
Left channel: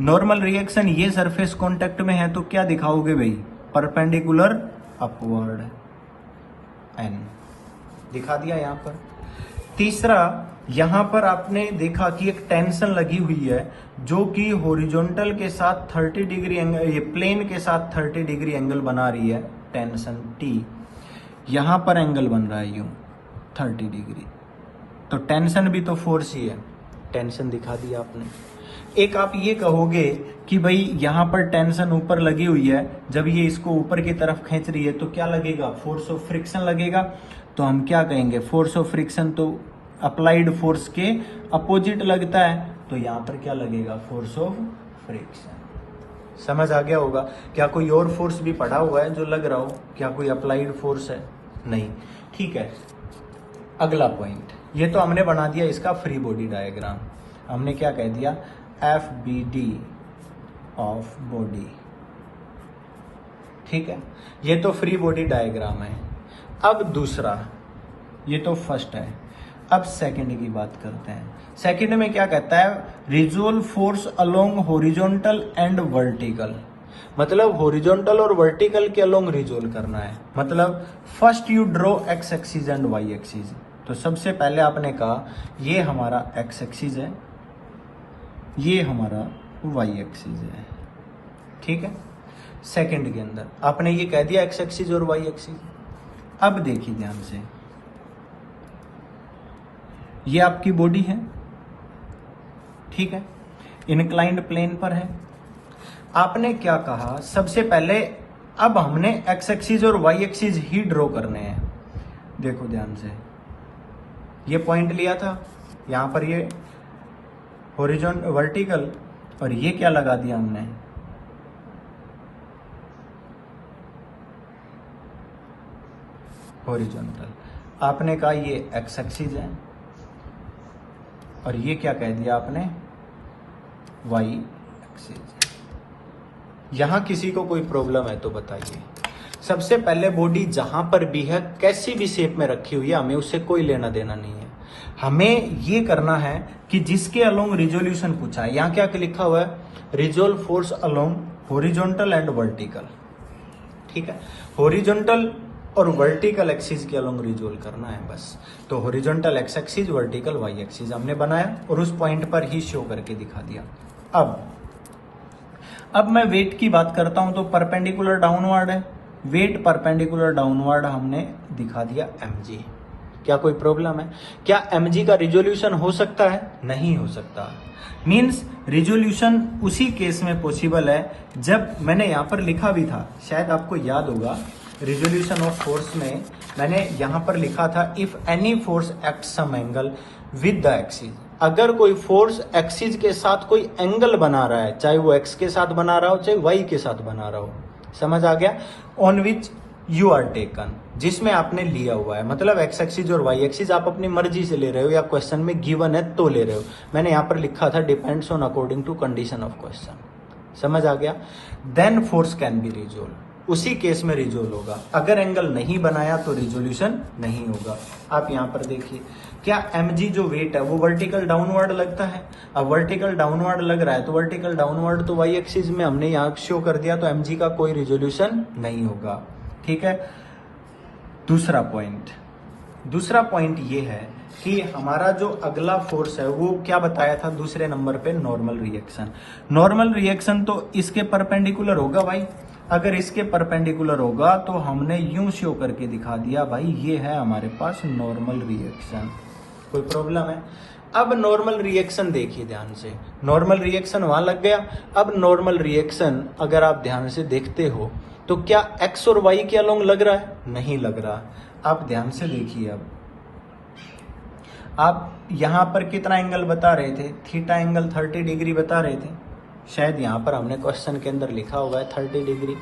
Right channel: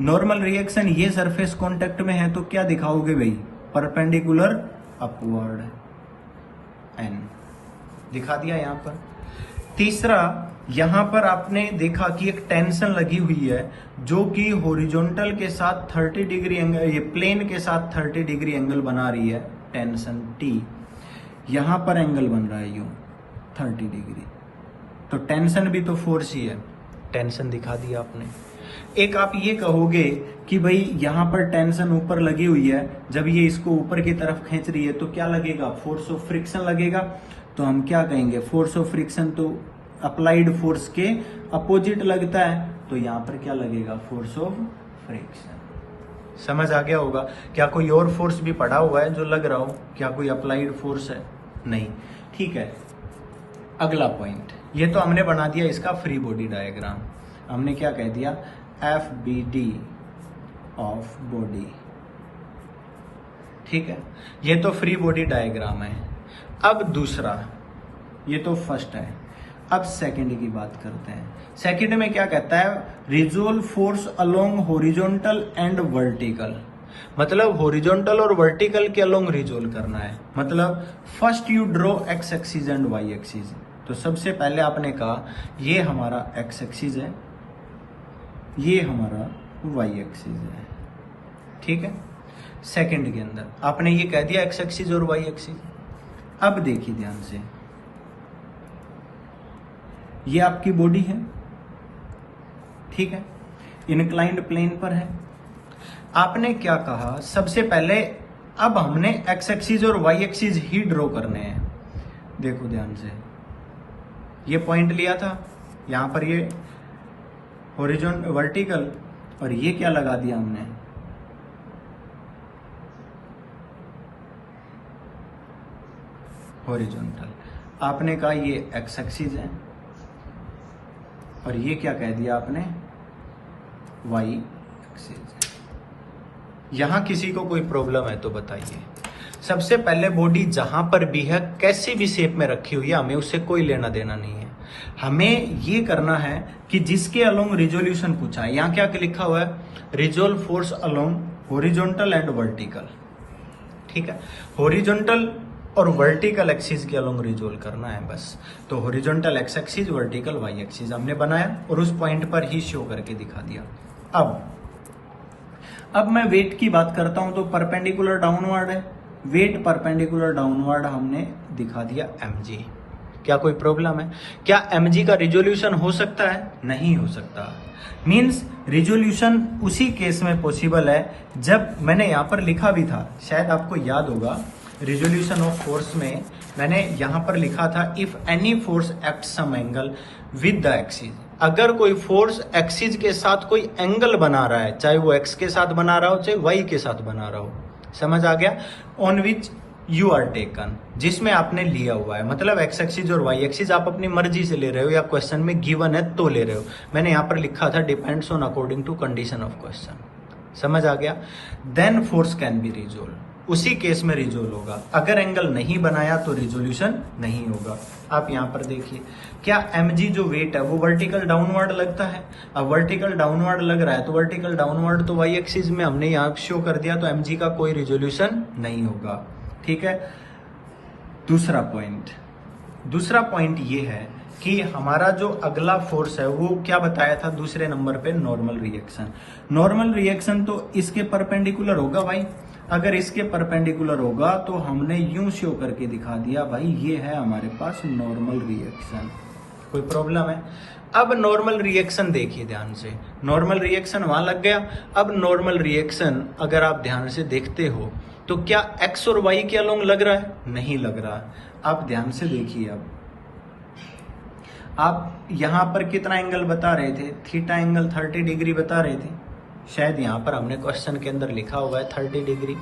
नॉर्मल रिएक्शन ये सरफेस कांटेक्ट में है तो क्या दिखाओगे भाई? परपेंडिकुलर अपवर्ड n, दिखा दिया यहाँ पर। तीसरा, यहां पर आपने देखा कि एक टेंशन लगी हुई है जो कि हॉरिजॉन्टल के साथ 30 डिग्री एंगल, ये प्लेन के साथ 30 डिग्री एंगल बना रही है, टेंशन T। यहां पर एंगल बन रहा है यूं 30 डिग्री, तो टेंशन भी तो फोर्स ही है, टेंशन दिखा दिया आपने। एक आप ये कहोगे कि भाई यहां पर टेंशन ऊपर लगी हुई है, जब ये इसको ऊपर की तरफ खींच रही है तो क्या लगेगा? फोर्स ऑफ फ्रिक्शन लगेगा। तो हम क्या कहेंगे? फोर्स ऑफ फ्रिक्शन तो अप्लाइड फोर्स के अपोजिट लगता है, तो यहां पर क्या लगेगा? Force of friction. समझ आ गया होगा? क्या कोई और फोर्स भी पड़ा हुआ है जो लग रहा हो? क्या कोई अप्लाइड फोर्स है? नहीं, ठीक है। अगला पॉइंट, ये तो हमने बना दिया इसका फ्री बॉडी डायग्राम। हमने क्या कह दिया? F B D of body, ठीक है। ये तो फ्री बॉडी डायग्राम है। अब दूसरा, ये तो फर्स्ट है, अब सेकंड की बात करते हैं। सेकंड में क्या कहता है? Resolve force along horizontal and vertical. मतलब हॉरिजॉन्टल और वर्टिकल के अलोंग रिजोल्व करना है। मतलब first you draw x axis and y axis. तो सबसे पहले आपने कहा ये हमारा एक्स एक्सिस है, ये हमारा वाई एक्सिस है, ठीक है। सेकंड के अंदर आपने ये कह दिया एक्स एक्सिस और वाई एक्सिस। अब देखिए ध्यान से, ये आपकी बॉडी है, ठीक है, इंक्लाइंड प्लेन पर है। आपने क्या कहा? सबसे पहले अब हमने एक्स एक्सिस और वाई एक्सिस ही ड्रॉ करने हैं। देखो ध्यान से, ये पॉइंट लिया था, यहां पर ये हॉरिजॉन्टल वर्टिकल, और ये क्या लगा दिया हमने? हॉरिजॉन्टल। आपने कहा ये एक्स एक्सिस है, और ये क्या कह दिया आपने, वाई एक्सिस। यहां किसी को कोई प्रॉब्लम है तो बताइए। सबसे पहले बॉडी जहां पर भी है, कैसी भी शेप में रखी हुई है, हमें उससे कोई लेना देना नहीं है। हमें ये करना है कि जिसके अलोंग रिजोल्यूशन पूछा है, यहाँ क्या लिखा हुआ है, resolve force along horizontal and vertical, ठीक है। हॉरिजॉन्टल और वर्टिकल एक्सिस के अलोंग रिजोल्व करना है बस। तो horizontal x axis, vertical y axis हमने बनाया और उस पॉइंट पर ही शो करके दिखा दिया। अब मैं वेट की बात करता हूं तो परपेंडिकुलर डाउनवर्ड है, वेट परपेंडिकुलर डाउनवर्ड हमने दिखा दिया mg। क्या कोई प्रॉब्लम है? क्या mg का रिजोल्यूशन हो सकता है? नहीं हो सकता। मीन्स रिजोल्यूशन उसी केस में पॉसिबल है जब मैंने यहां पर लिखा भी था, शायद आपको याद होगा, रिजोल्यूशन ऑफ फोर्स में मैंने यहां पर लिखा था, if any force act some angle with the axis. अगर कोई फोर्स एक्सिस के साथ कोई एंगल बना रहा है, चाहे वो एक्स के साथ बना रहा हो चाहे वाई के साथ बना रहा हो, समझ आ गया, on which you are taken, जिसमें आपने लिया हुआ है, मतलब एक्स एक्सिस और वाई एक्सिस आप अपनी मर्जी से ले रहे हो या क्वेश्चन में गिवन है तो ले रहे हो। मैंने यहां पर लिखा था depends on according to condition of question, समझ आ गया। Then force can be resolve, उसी केस में रिजोल्व होगा। अगर एंगल नहीं बनाया तो रिजोल्यूशन नहीं होगा। आप यहां पर देखिए, क्या mg जो वेट है वो वर्टिकल डाउनवर्ड लगता है? अब वर्टिकल डाउनवर्ड लग रहा है तो वर्टिकल डाउनवर्ड तो वाई एक्सिस में हमने यहां शो कर दिया, तो mg का कोई रिजोल्यूशन नहीं होगा, ठीक है। दूसरा पॉइंट ये है कि हमारा जो अगला फोर्स है वो क्या बताया था दूसरे नंबर पे, नॉर्मल रिएक्शन। नॉर्मल रिएक्शन तो इसके परपेंडिकुलर होगा भाई। अगर इसके परपेंडिकुलर होगा तो हमने यूं शो करके दिखा दिया, भाई ये है हमारे पास नॉर्मल रिएक्शन। कोई प्रॉब्लम है? अब नॉर्मल रिएक्शन देखिए ध्यान से, नॉर्मल रिएक्शन वहां लग गया। अब नॉर्मल रिएक्शन अगर आप ध्यान से देखते हो तो क्या एक्स और वाई के अलोंग लग रहा है? नहीं लग रहा। आप ध्यान से देखिए, अब आप यहां पर कितना एंगल बता रहे थे, थीटा एंगल 30 डिग्री बता रहे थे, शायद यहां पर हमने क्वेश्चन के अंदर लिखा हुआ है 30 डिग्री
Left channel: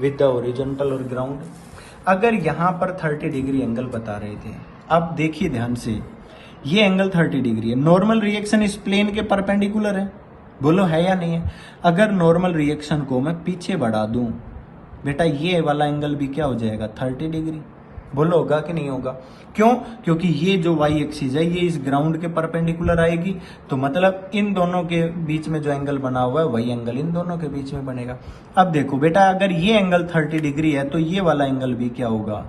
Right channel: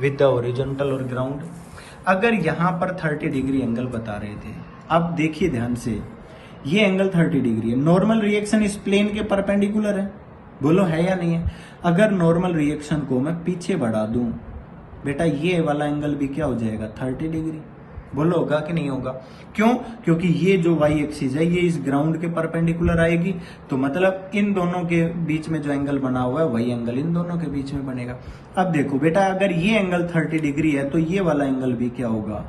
विद द हॉरिजॉन्टल और ग्राउंड। अगर यहां पर 30 डिग्री एंगल बता रहे थे, अब देखिए ध्यान से, ये एंगल 30 डिग्री है, नॉर्मल रिएक्शन इस प्लेन के परपेंडिकुलर है, बोलो है या नहीं है? अगर नॉर्मल रिएक्शन को मैं पीछे बढ़ा दूं बेटा, ये वाला एंगल भी क्या हो जाएगा, 30 डिग्री। बोलो होगा कि नहीं होगा? क्यों? क्योंकि ये जो वाई एक्सिस है ये इस ग्राउंड के परपेंडिकुलर आएगी, तो मतलब इन दोनों के बीच में जो एंगल बना हुआ है वही एंगल इन दोनों के बीच में बनेगा। अब देखो बेटा, अगर ये एंगल 30 डिग्री है तो ये वाला एंगल भी क्या होगा,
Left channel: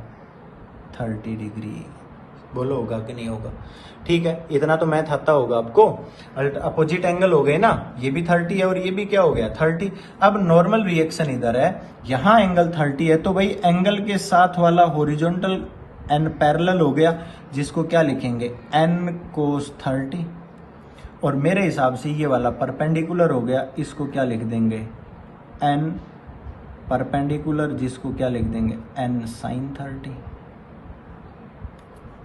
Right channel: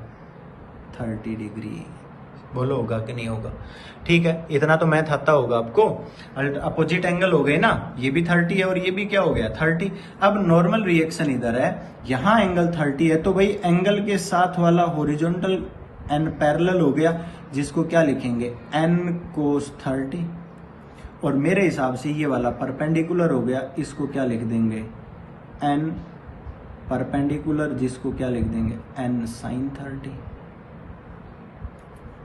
30 डिग्री। बोलो होगा कि नहीं होगा? ठीक है, इतना तो मैथ आता होगा आपको। अपोजिट एंगल हो गए ना, ये भी 30 है और ये भी क्या हो गया, 30। अब नॉर्मल रिएक्शन इधर है, यहाँ एंगल 30 है, तो भाई एंगल के साथ वाला हॉरिजॉन्टल एंड पैरेलल हो गया, जिसको क्या लिखेंगे, n cos 30। और मेरे हिसाब से ये वाला परपेंडिकुलर हो गया, इसको क्या लिख देंगे, n परपेंडिकुलर, जिसको क्या लिख देंगे, n sin 30।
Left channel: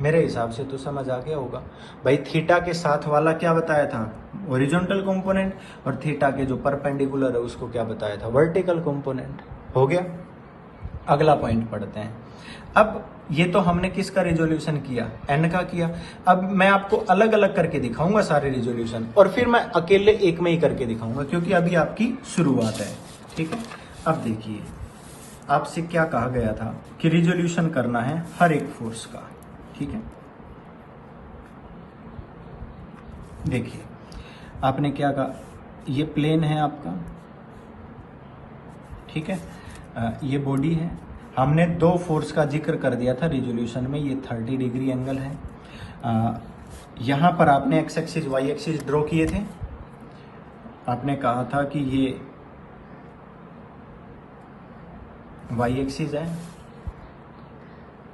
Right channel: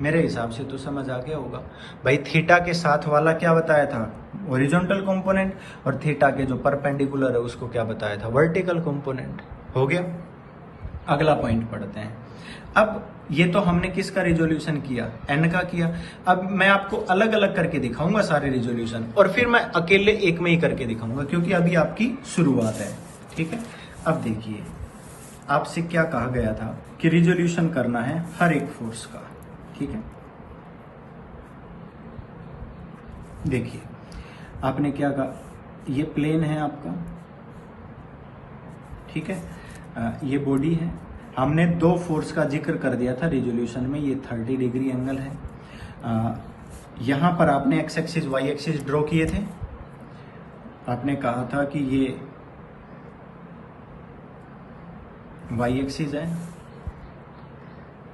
मेरे हिसाब से तो समझ आ गया होगा भाई। थीटा के साथ वाला क्या बताया था, हॉरिजॉन्टल कंपोनेंट, और थीटा के जो परपेंडिकुलर है उसको क्या बताया था, वर्टिकल कंपोनेंट। हो गया। अगला पॉइंट पढ़ते हैं। अब ये तो हमने किसका रिजोल्यूशन किया, एन का किया। अब मैं आपको अलग अलग करके दिखाऊंगा सारे रिजोल्यूशन, और फिर मैं अकेले एक में ही करके दिखाऊंगा, क्योंकि अभी आपकी शुरुआत है, ठीक है। अब देखिए, आपसे क्या कहा गया था कि रिजोल्यूशन करना है हर एक फोर्स का, ठीक है। देखिए आपने क्या कहा, ये प्लेन है आपका, ठीक है, ये बॉडी है। हमने दो फोर्स का जिक्र कर दिया था रिजोल्यूशन में, ये 30 डिग्री एंगल है। यहां पर आपने x axis y axis draw किए थे। आपने कहा था कि ये वाई एक्सिस है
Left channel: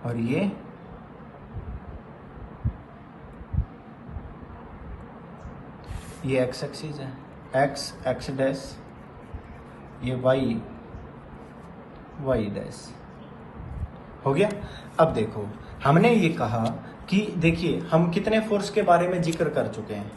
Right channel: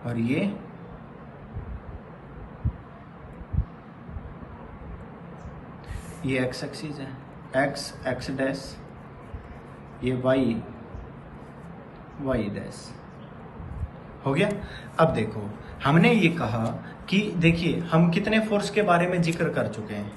और ये एक्स एक्सिस है, एक्स एक्स डैश, ये वाई वाई डैश। हो गया। अब देखो, हमने ये कहा कि देखिए हम कितने फोर्स के बारे में जिक्र कर चुके हैं,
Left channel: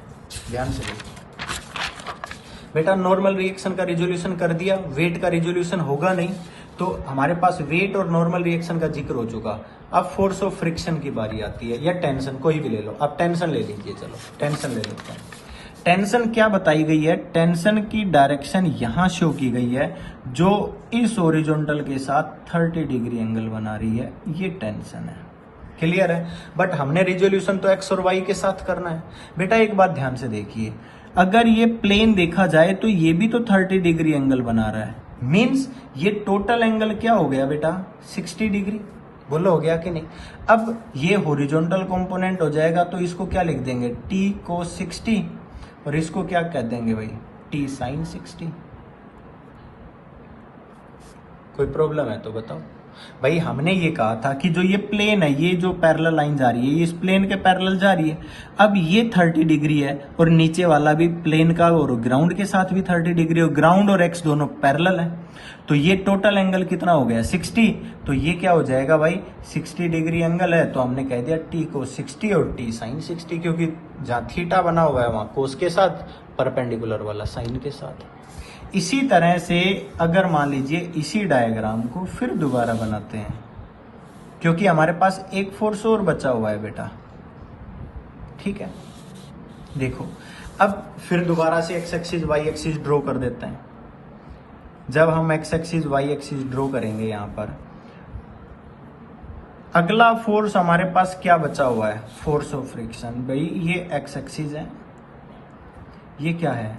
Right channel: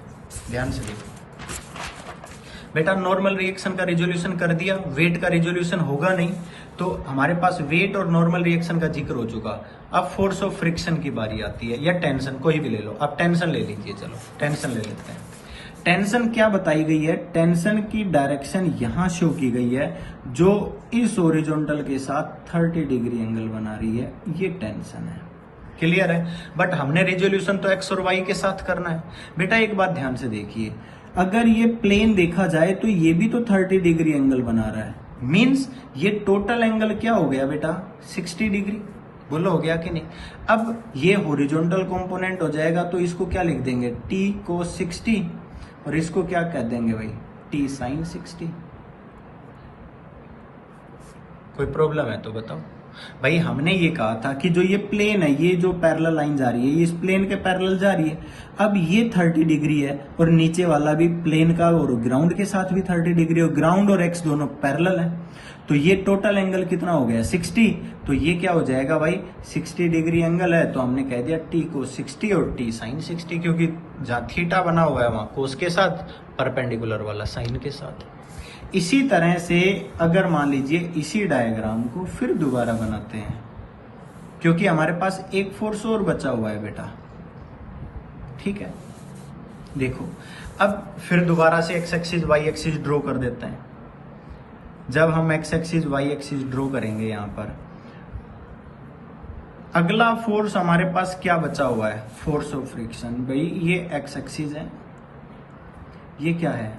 ध्यान से देखो बेटा। नॉर्मल रिएक्शन का रिजोल्यूशन कर दिया, वेट का रिजोल्यूशन होगा नहीं, तो हमारे पास वेट और नॉर्मल रिएक्शन का जिक्र हो चुका। अब फोर्स ऑफ फ्रिक्शन की बारी आती है, या टेंशन, कोई भी ले लो, अब टेंशन ले लीजिए, चलो टेंशन ले लेते हैं। टेंशन क्या बताई गई है? टेंशन की डायरेक्शन यहां शो की गई है, जो इस ओरिजेंटल के साथ 30 डिग्री एंगल बना रही है, ये टेंशन है। क्लियर है? बट हमने रिजोल्यूशन तो एक्स और वाई के साथ करना है। बेटा एक बात ध्यान से देखिए, अगर ये प्लेन देखा जाए तो ये भी तो 30 डिग्री एंगल बना रहा है, मीन्स ये टोटल एंगल क्या हो गया बेटा? 60 डिग्री। बोलो हो गया कि नहीं? अब ये हॉरिजॉन्टल कंपोनेंट हो जाएगा, तो इसको क्या लिख देंगे? t cos 60, और इसको क्या कह देंगे भाई? t sin 60। कोई प्रॉब्लम है तो बताओ भाई। हमने ये कहा था कि जो ये प्लेन है, ये जो पैरेलल लाइन जा रही है, ये इस प्लेन के पैरेलल जा रही है। अब ये 30 डिग्री है, और नीचे वाला भी प्लेन का और ग्राउंड के साथ भी 30 डिग्री, और ग्राउंड और एक्स दोनों पैरेलल है, तो ये टोटल एंगल कितना हो गया? 60। तो ये क्या हो जाएगा भाई? 60 डिग्री एंगल है, तो हमने कह दिया t को 60 और t sin 60, क्योंकि जहां थीटा बना हुआ है वहां कोस के साथ, परपेंडिकुलर वाला साइन के साथ। इसी तरह से अगर मान लीजिए इसी डायग्राम को फिर दोबारा बनाते हैं, क्योंकि हमारे पास एक फोर्स और बचा हुआ है बेटा, ठीक है? देखो अब फिर दोबारा से x axis y axis draw कर देते हैं। जब हम x axis y axis draw करेंगे, यहां पर अगला फोर्स हमारे पास क्या बचा हुआ है? Force of friction. भाई ये एक्स एक्सिस है, ये क्या है?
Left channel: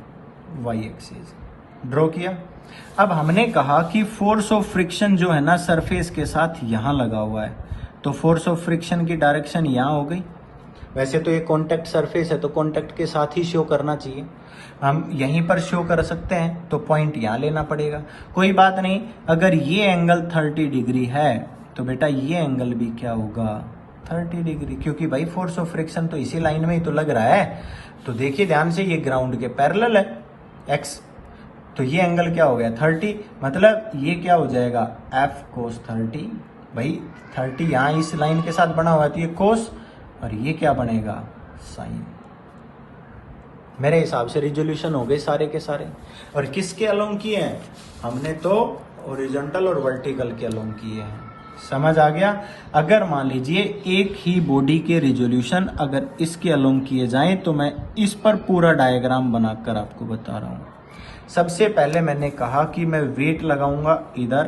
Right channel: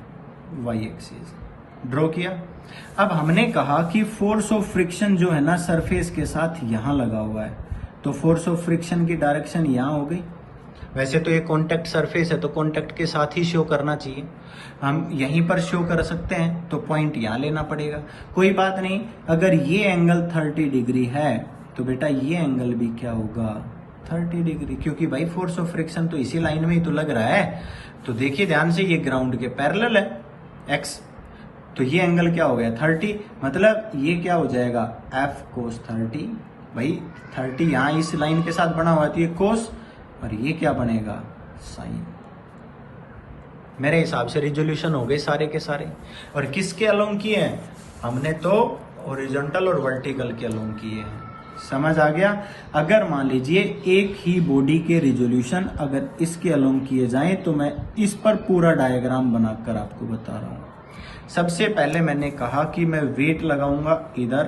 Y axis. ड्रॉ किया। अब हमने कहा कि फोर्स ऑफ फ्रिक्शन जो है ना सरफेस के साथ यहां लगा हुआ है, तो फोर्स ऑफ फ्रिक्शन की डायरेक्शन यहां हो गई। वैसे तो ये कॉन्टेक्ट सरफेस है, तो कॉन्टेक्ट के साथ ही शो करना चाहिए, हम यहीं पर शो कर सकते हैं, तो पॉइंट यहां लेना पड़ेगा। कोई बात नहीं, अगर ये एंगल 30 डिग्री है तो बेटा ये एंगल भी क्या होगा? 30 डिग्री, क्योंकि भाई फोर्स ऑफ फ्रिक्शन तो इसी लाइन में ही तो लग रहा है। तो देखिए ध्यान से, ये ग्राउंड के पैरेलल है एक्स, तो ये एंगल क्या हो गया? 30। मतलब ये क्या हो जाएगा? f cos 30। भाई 30 यहां इस लाइन के साथ बना हुआ है, तो ये कोस, और ये क्या बनेगा? साइन। मेरे हिसाब से रिजोल्यूशन हो गए सारे के सारे। और किसके अलोंग किए हैं? हमने तो हॉरिजॉन्टल और वर्टिकल के अलोंग किए हैं। समझ आ गया? अगर मान लीजिए एक ही बॉडी के रिजोल्यूशन अगर इसके अलोंग किए जाएं, तो मैं इस पर पूरा डायग्राम बनाकर आपको बता रहा हूं। सबसे पहले मैंने कहा कि मैं वेट लगाऊंगा इधर,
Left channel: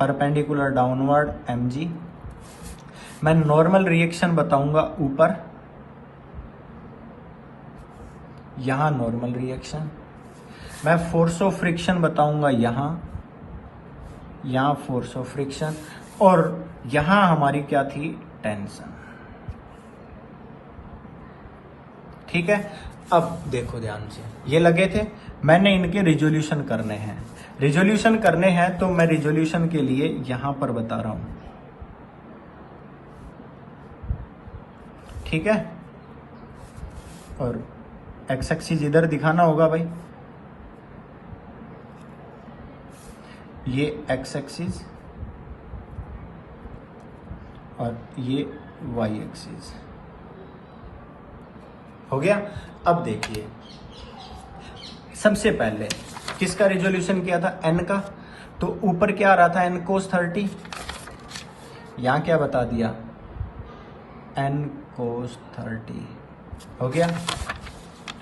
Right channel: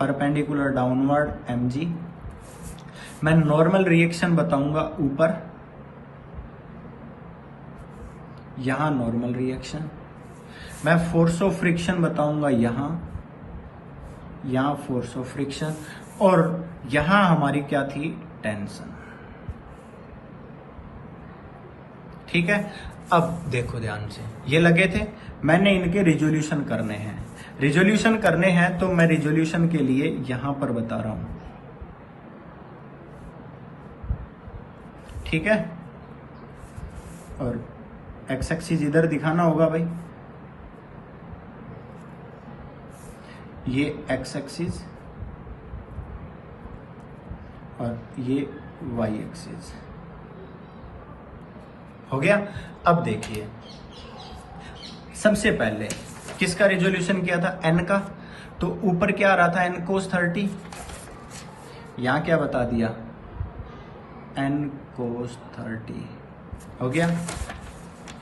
परपेंडिकुलर डाउनवर्ड mg। मैं नॉर्मल रिएक्शन बताऊंगा ऊपर, यहां नॉर्मल रिएक्शन। मैं फोर्स ऑफ फ्रिक्शन बताऊंगा यहां फोर्स ऑफ फ्रिक्शन, और यहां हमारी क्या थी? टेंशन। ठीक है? अब देखो ध्यान से, ये लगे थे, मैंने इनके रिजोल्यूशन करने हैं। रिजोल्यूशन करने हैं तो मैं रिजोल्यूशन के लिए यहां पर बता रहा हूं, ठीक है? और एक्स एक्सिस इधर दिखाना होगा भाई, ये एक्स एक्सिस और ये वाई एक्सिस हो गया। अब देखिए, सबसे पहले किसका रिजोल्यूशन किया था? n का। तो ऊपर क्या आ रहा था? n cos 30। यहां क्या बता दिया? n cos 30 हो गया।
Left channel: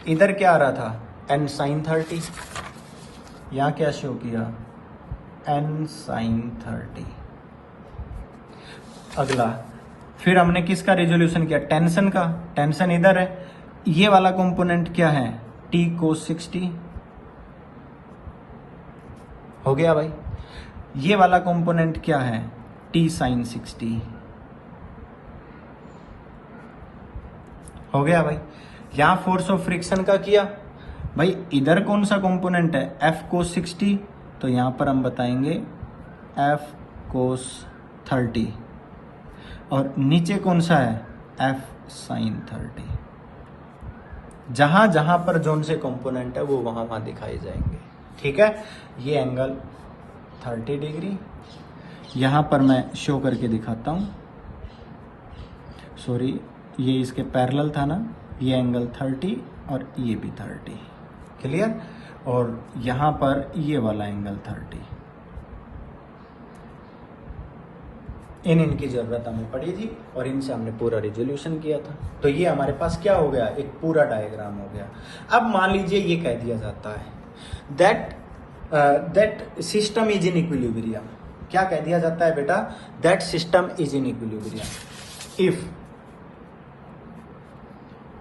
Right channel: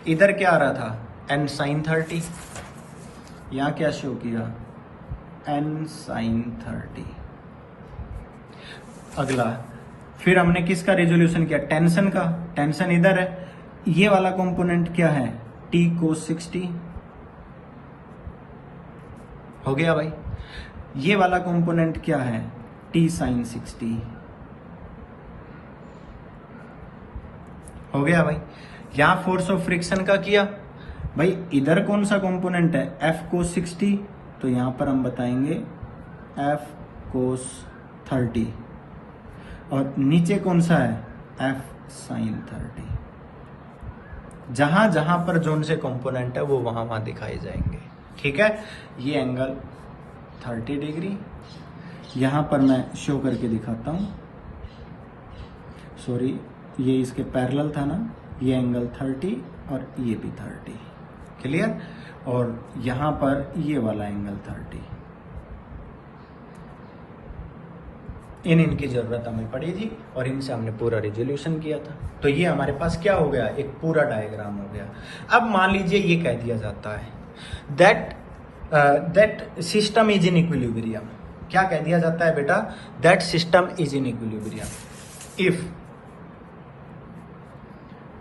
इधर क्या आ रहा था? n sin 30। यहां क्या शो किया? n sin 30। अगला फिर हमने किसका रिजोल्यूशन किया? टेंशन का। टेंशन इधर है, ये वाला कंपोनेंट क्या है? t cos 60 हो गया भाई। ये वाला कंपोनेंट क्या है? t sin 60 हो गया भाई। यहां फोर्स ऑफ फ्रिक्शन का किया भाई, इधर कौन सा कंपोनेंट है? f cos 60, तो यहां पर हम बताएंगे f cos 30, और नीचे कौन सा है? f sin 30। जहां जहां पर जोन से कंपोनेंट है वो वहां वहां दिखाई जाएंगे, ठीक है? ये एंगल 30 डिग्री, यहां पर मैं शो करके दिखाता हूं, सॉरी ये इसके पैरेलल था ना, ये एंगल 30 और ये भी 30, क्लियर? और यहां पर ये वाला एंगल 30, इनकी जरूरत हमें पड़ी थी और इनसे हमने पूरा रिजोल्यूशन किया था। तो ये हमारे पास क्या हो गया, एक पूरा डायग्राम हो गया। अब मान लीजिए ये कह दिया जाता है that system is in equilibrium. क्या कह दिया जाता है बेटा, that system is in equilibrium if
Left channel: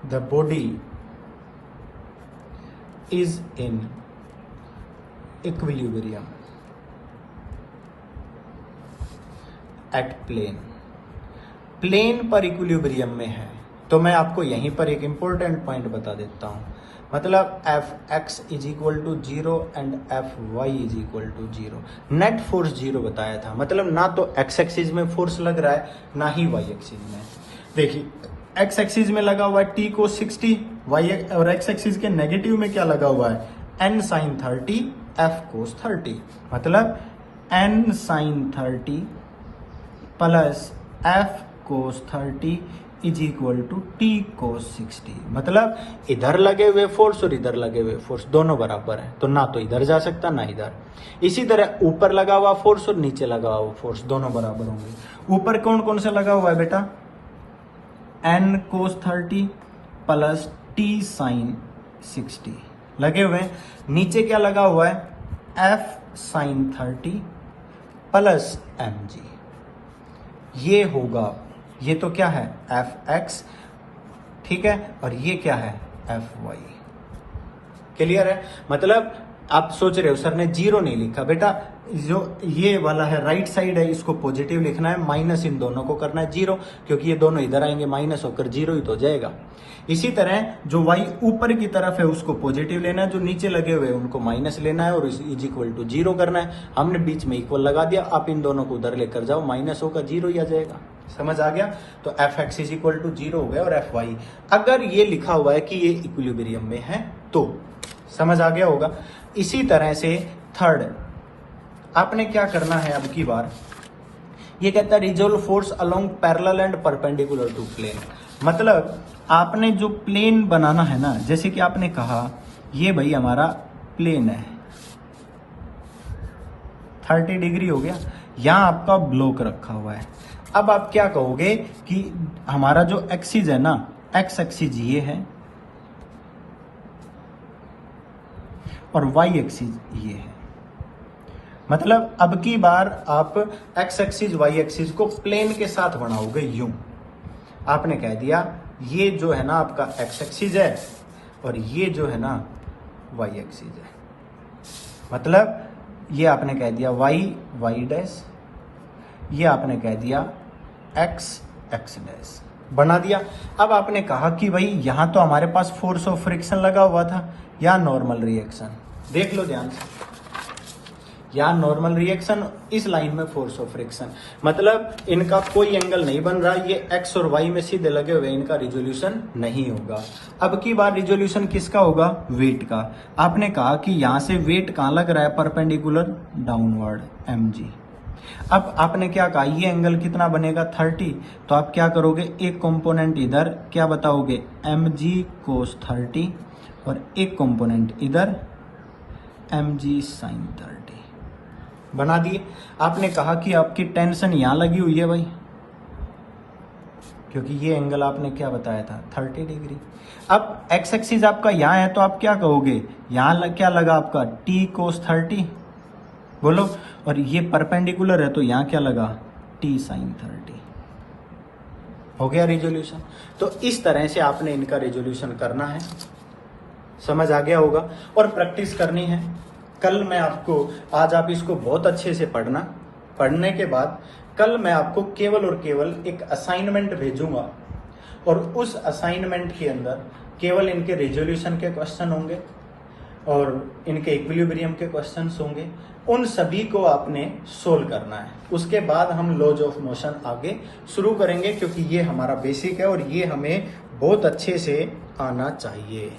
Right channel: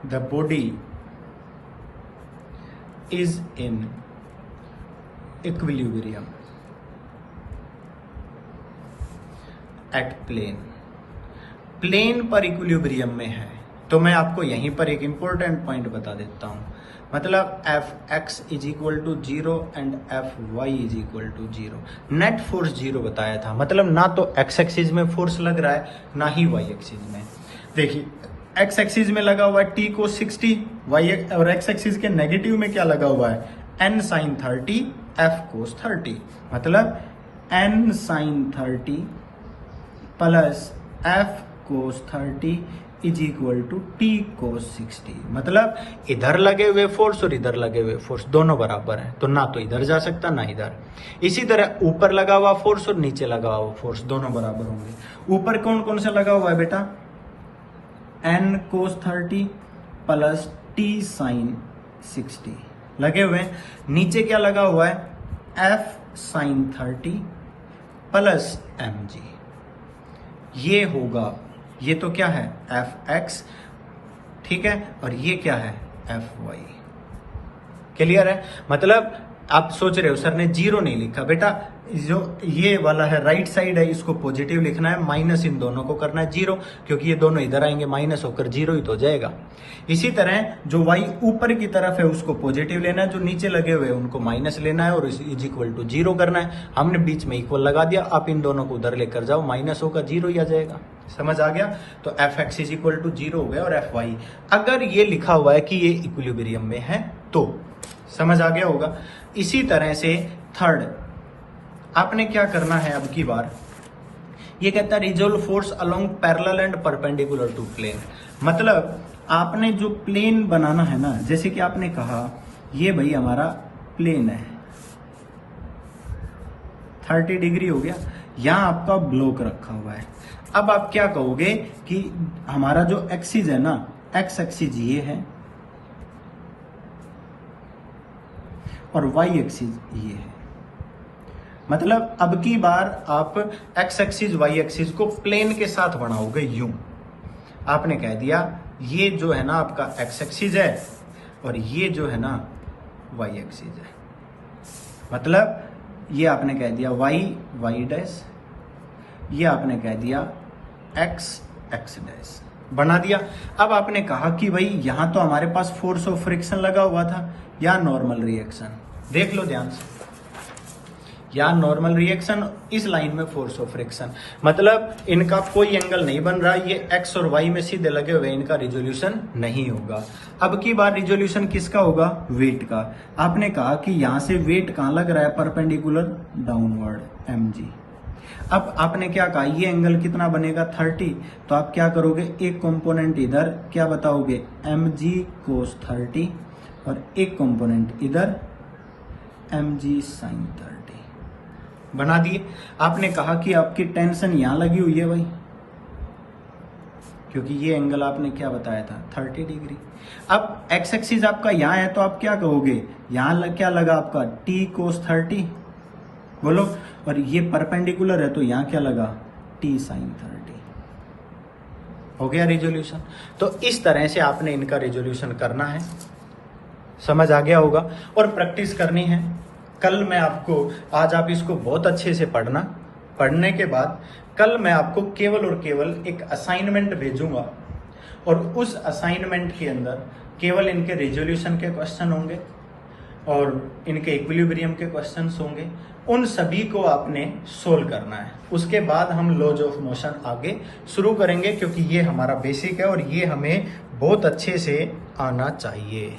the body is in equilibrium at plane पर इक्विलिब्रियम में है। तो मैं आपको यहीं पर एक इंपॉर्टेंट पॉइंट बता देता हूं, मतलब F x is equal to 0 and F y is equal to 0। Net force 0 बताया था, मतलब ना तो एक्स एक्सिस में फोर्स लग रहा है ना ही वाई एक्सिस में। देखिए एक्स एक्सिस में लगा हुआ है टी कोस 60, वाई और एक्स एक्सिस के नेगेटिव में क्या लगा हुआ है, एन साइन 30 एफ कोस 30, मतलब N sine 30 plus F cos 30 is equal to T cos 60। मतलब इधर लगे हुए फोर्स और इधर लगे हुए फोर्स दोनों बराबर हैं, तो ना तो इधर जा सकता ना इधर। इसी तरह ऊपर लगा हुआ फोर्स और नीचे लगा हुआ फोर्स दोनों बराबर होंगे। ऊपर कौन कौन सा लगा हुआ है बेटा, N cos 30 plus T sine 60 लगे हुए हैं। नीचे क्या लगा हुआ है, F sine 30 plus m g. ये होगा, ये तो क्या है एफ एक्स, ठीक है, और ये क्या है एफ वाई। क्लियर है, मतलब आप सोच रहे हो सर ने 0 नहीं लिखा, बेटा जो ये वाला है राइट साइड है इसको पॉजिटिव लिखना है, माइनस इन दोनों को करना है 0, क्योंकि ये दोनों इधर आएंगे माइनस होकर 0 ही तो हो जाएगा। इसी तरह जो y ऊपर की तरफ है उसको पॉजिटिव लेना है, जो नीचे लगे हुए हैं उनको माइनस लेना है और इज इक्वल टू 0 करना है। हमने बीच में इक्वल लगा दिया, आप इन दोनों को उधर लेकर जाओ, माइनस होगा 0 ही आ जाएगा। समझ आ गया, तो F x is equal to 0 हो गया और एफ वाई अगर ये लिखा हुआ है कि ये इक्विलिब्रियम में है तो समझ आ गया होगा। इसी तरह से थर्ड आपने क्या करना है, अब की बार ये कहता है resolve force along parallel and perpendicular to plane. मतलब आपने जो प्लेन बनाना है ना, जैसे कि आपने कहा ये भाई हमारा प्लेन है 30 डिग्री हो गया, यहां आपका ब्लॉक रखा हुआ है। अब आप क्या कहोगे कि हमारा जो एक्सिस है ना, एक्स एक्सिस ये है और वाई एक्सिस ये है। मतलब अब की बार आप एक्स एक्सिस वाई एक्सिस को प्लेन के साथ बनाओगे यूं। आपने कह दिया ये जो है ना आपका एक्स एक्सिस है और ये जो है ना वाई एक्सिस है, मतलब ये आपने कह दिया वाई वाई डैश, ये आपने कह दिया एक्स एक्स डैश बना दिया। अब आपने कहा कि भाई यहां तो हमारे पास फोर्स ऑफ फ्रिक्शन लगा हुआ था, या नॉर्मल रिएक्शन, देख लो ध्यान से, या नॉर्मल रिएक्शन, इस लाइन में फोर्स ऑफ फ्रिक्शन, मतलब इनका कोई एंगल नहीं बन रहा, ये एक्स और वाई में सीधे लगे हुए, इनका रिजोल्यूशन नहीं होगा। अब की बार रिजोल्यूशन किसका होगा, वेट का। आपने कहा कि यहां से वेट कहां लग रहा है, परपेंडिकुलर डाउनवर्ड एम जी। अब आपने क्या कहा, ये एंगल कितना बनेगा 30, तो आप क्या करोगे, एक कंपोनेंट इधर क्या बताओगे एम जी कोस 30 और एक कंपोनेंट इधर एम जी साइन 30 बना दिए। आपने कहा कि आपकी टेंशन यहां लगी हुई है भाई, क्योंकि ये एंगल आपने क्या बताया था 30 डिग्री। अब एक्स एक्सिस आपका यहां है तो आप क्या कहोगे, यहां क्या लगा आपका टी कोस 30 बोलो, और ये परपेंडिकुलर है तो यहां क्या लगा टी साइन 30। हो गया रिजोल्यूशन। तो इस तरह से आपने इनका रिजोल्यूशन करना है, समझ आ गया होगा, और प्रैक्टिस करनी है। कल मैं आपको, आज आप इसको बहुत अच्छे से पढ़ना, पढ़ने के बाद कल मैं आपको केवल और केवल एक असाइनमेंट भेजूंगा और उस असाइनमेंट के अंदर केवल इनके रिजोल्यूशन के क्वेश्चन होंगे और इनके इक्विलिब्रियम के क्वेश्चंस होंगे। उन सभी को आपने सोल्व करना है। उसके बाद हम लॉज ऑफ मोशन आगे शुरू करेंगे, क्योंकि ये हमारा बेसिक है और ये हमें बहुत अच्छे से आना चाहिए।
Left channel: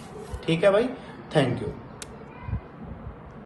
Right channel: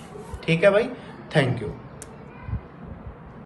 ठीक है भाई, थैंक यू।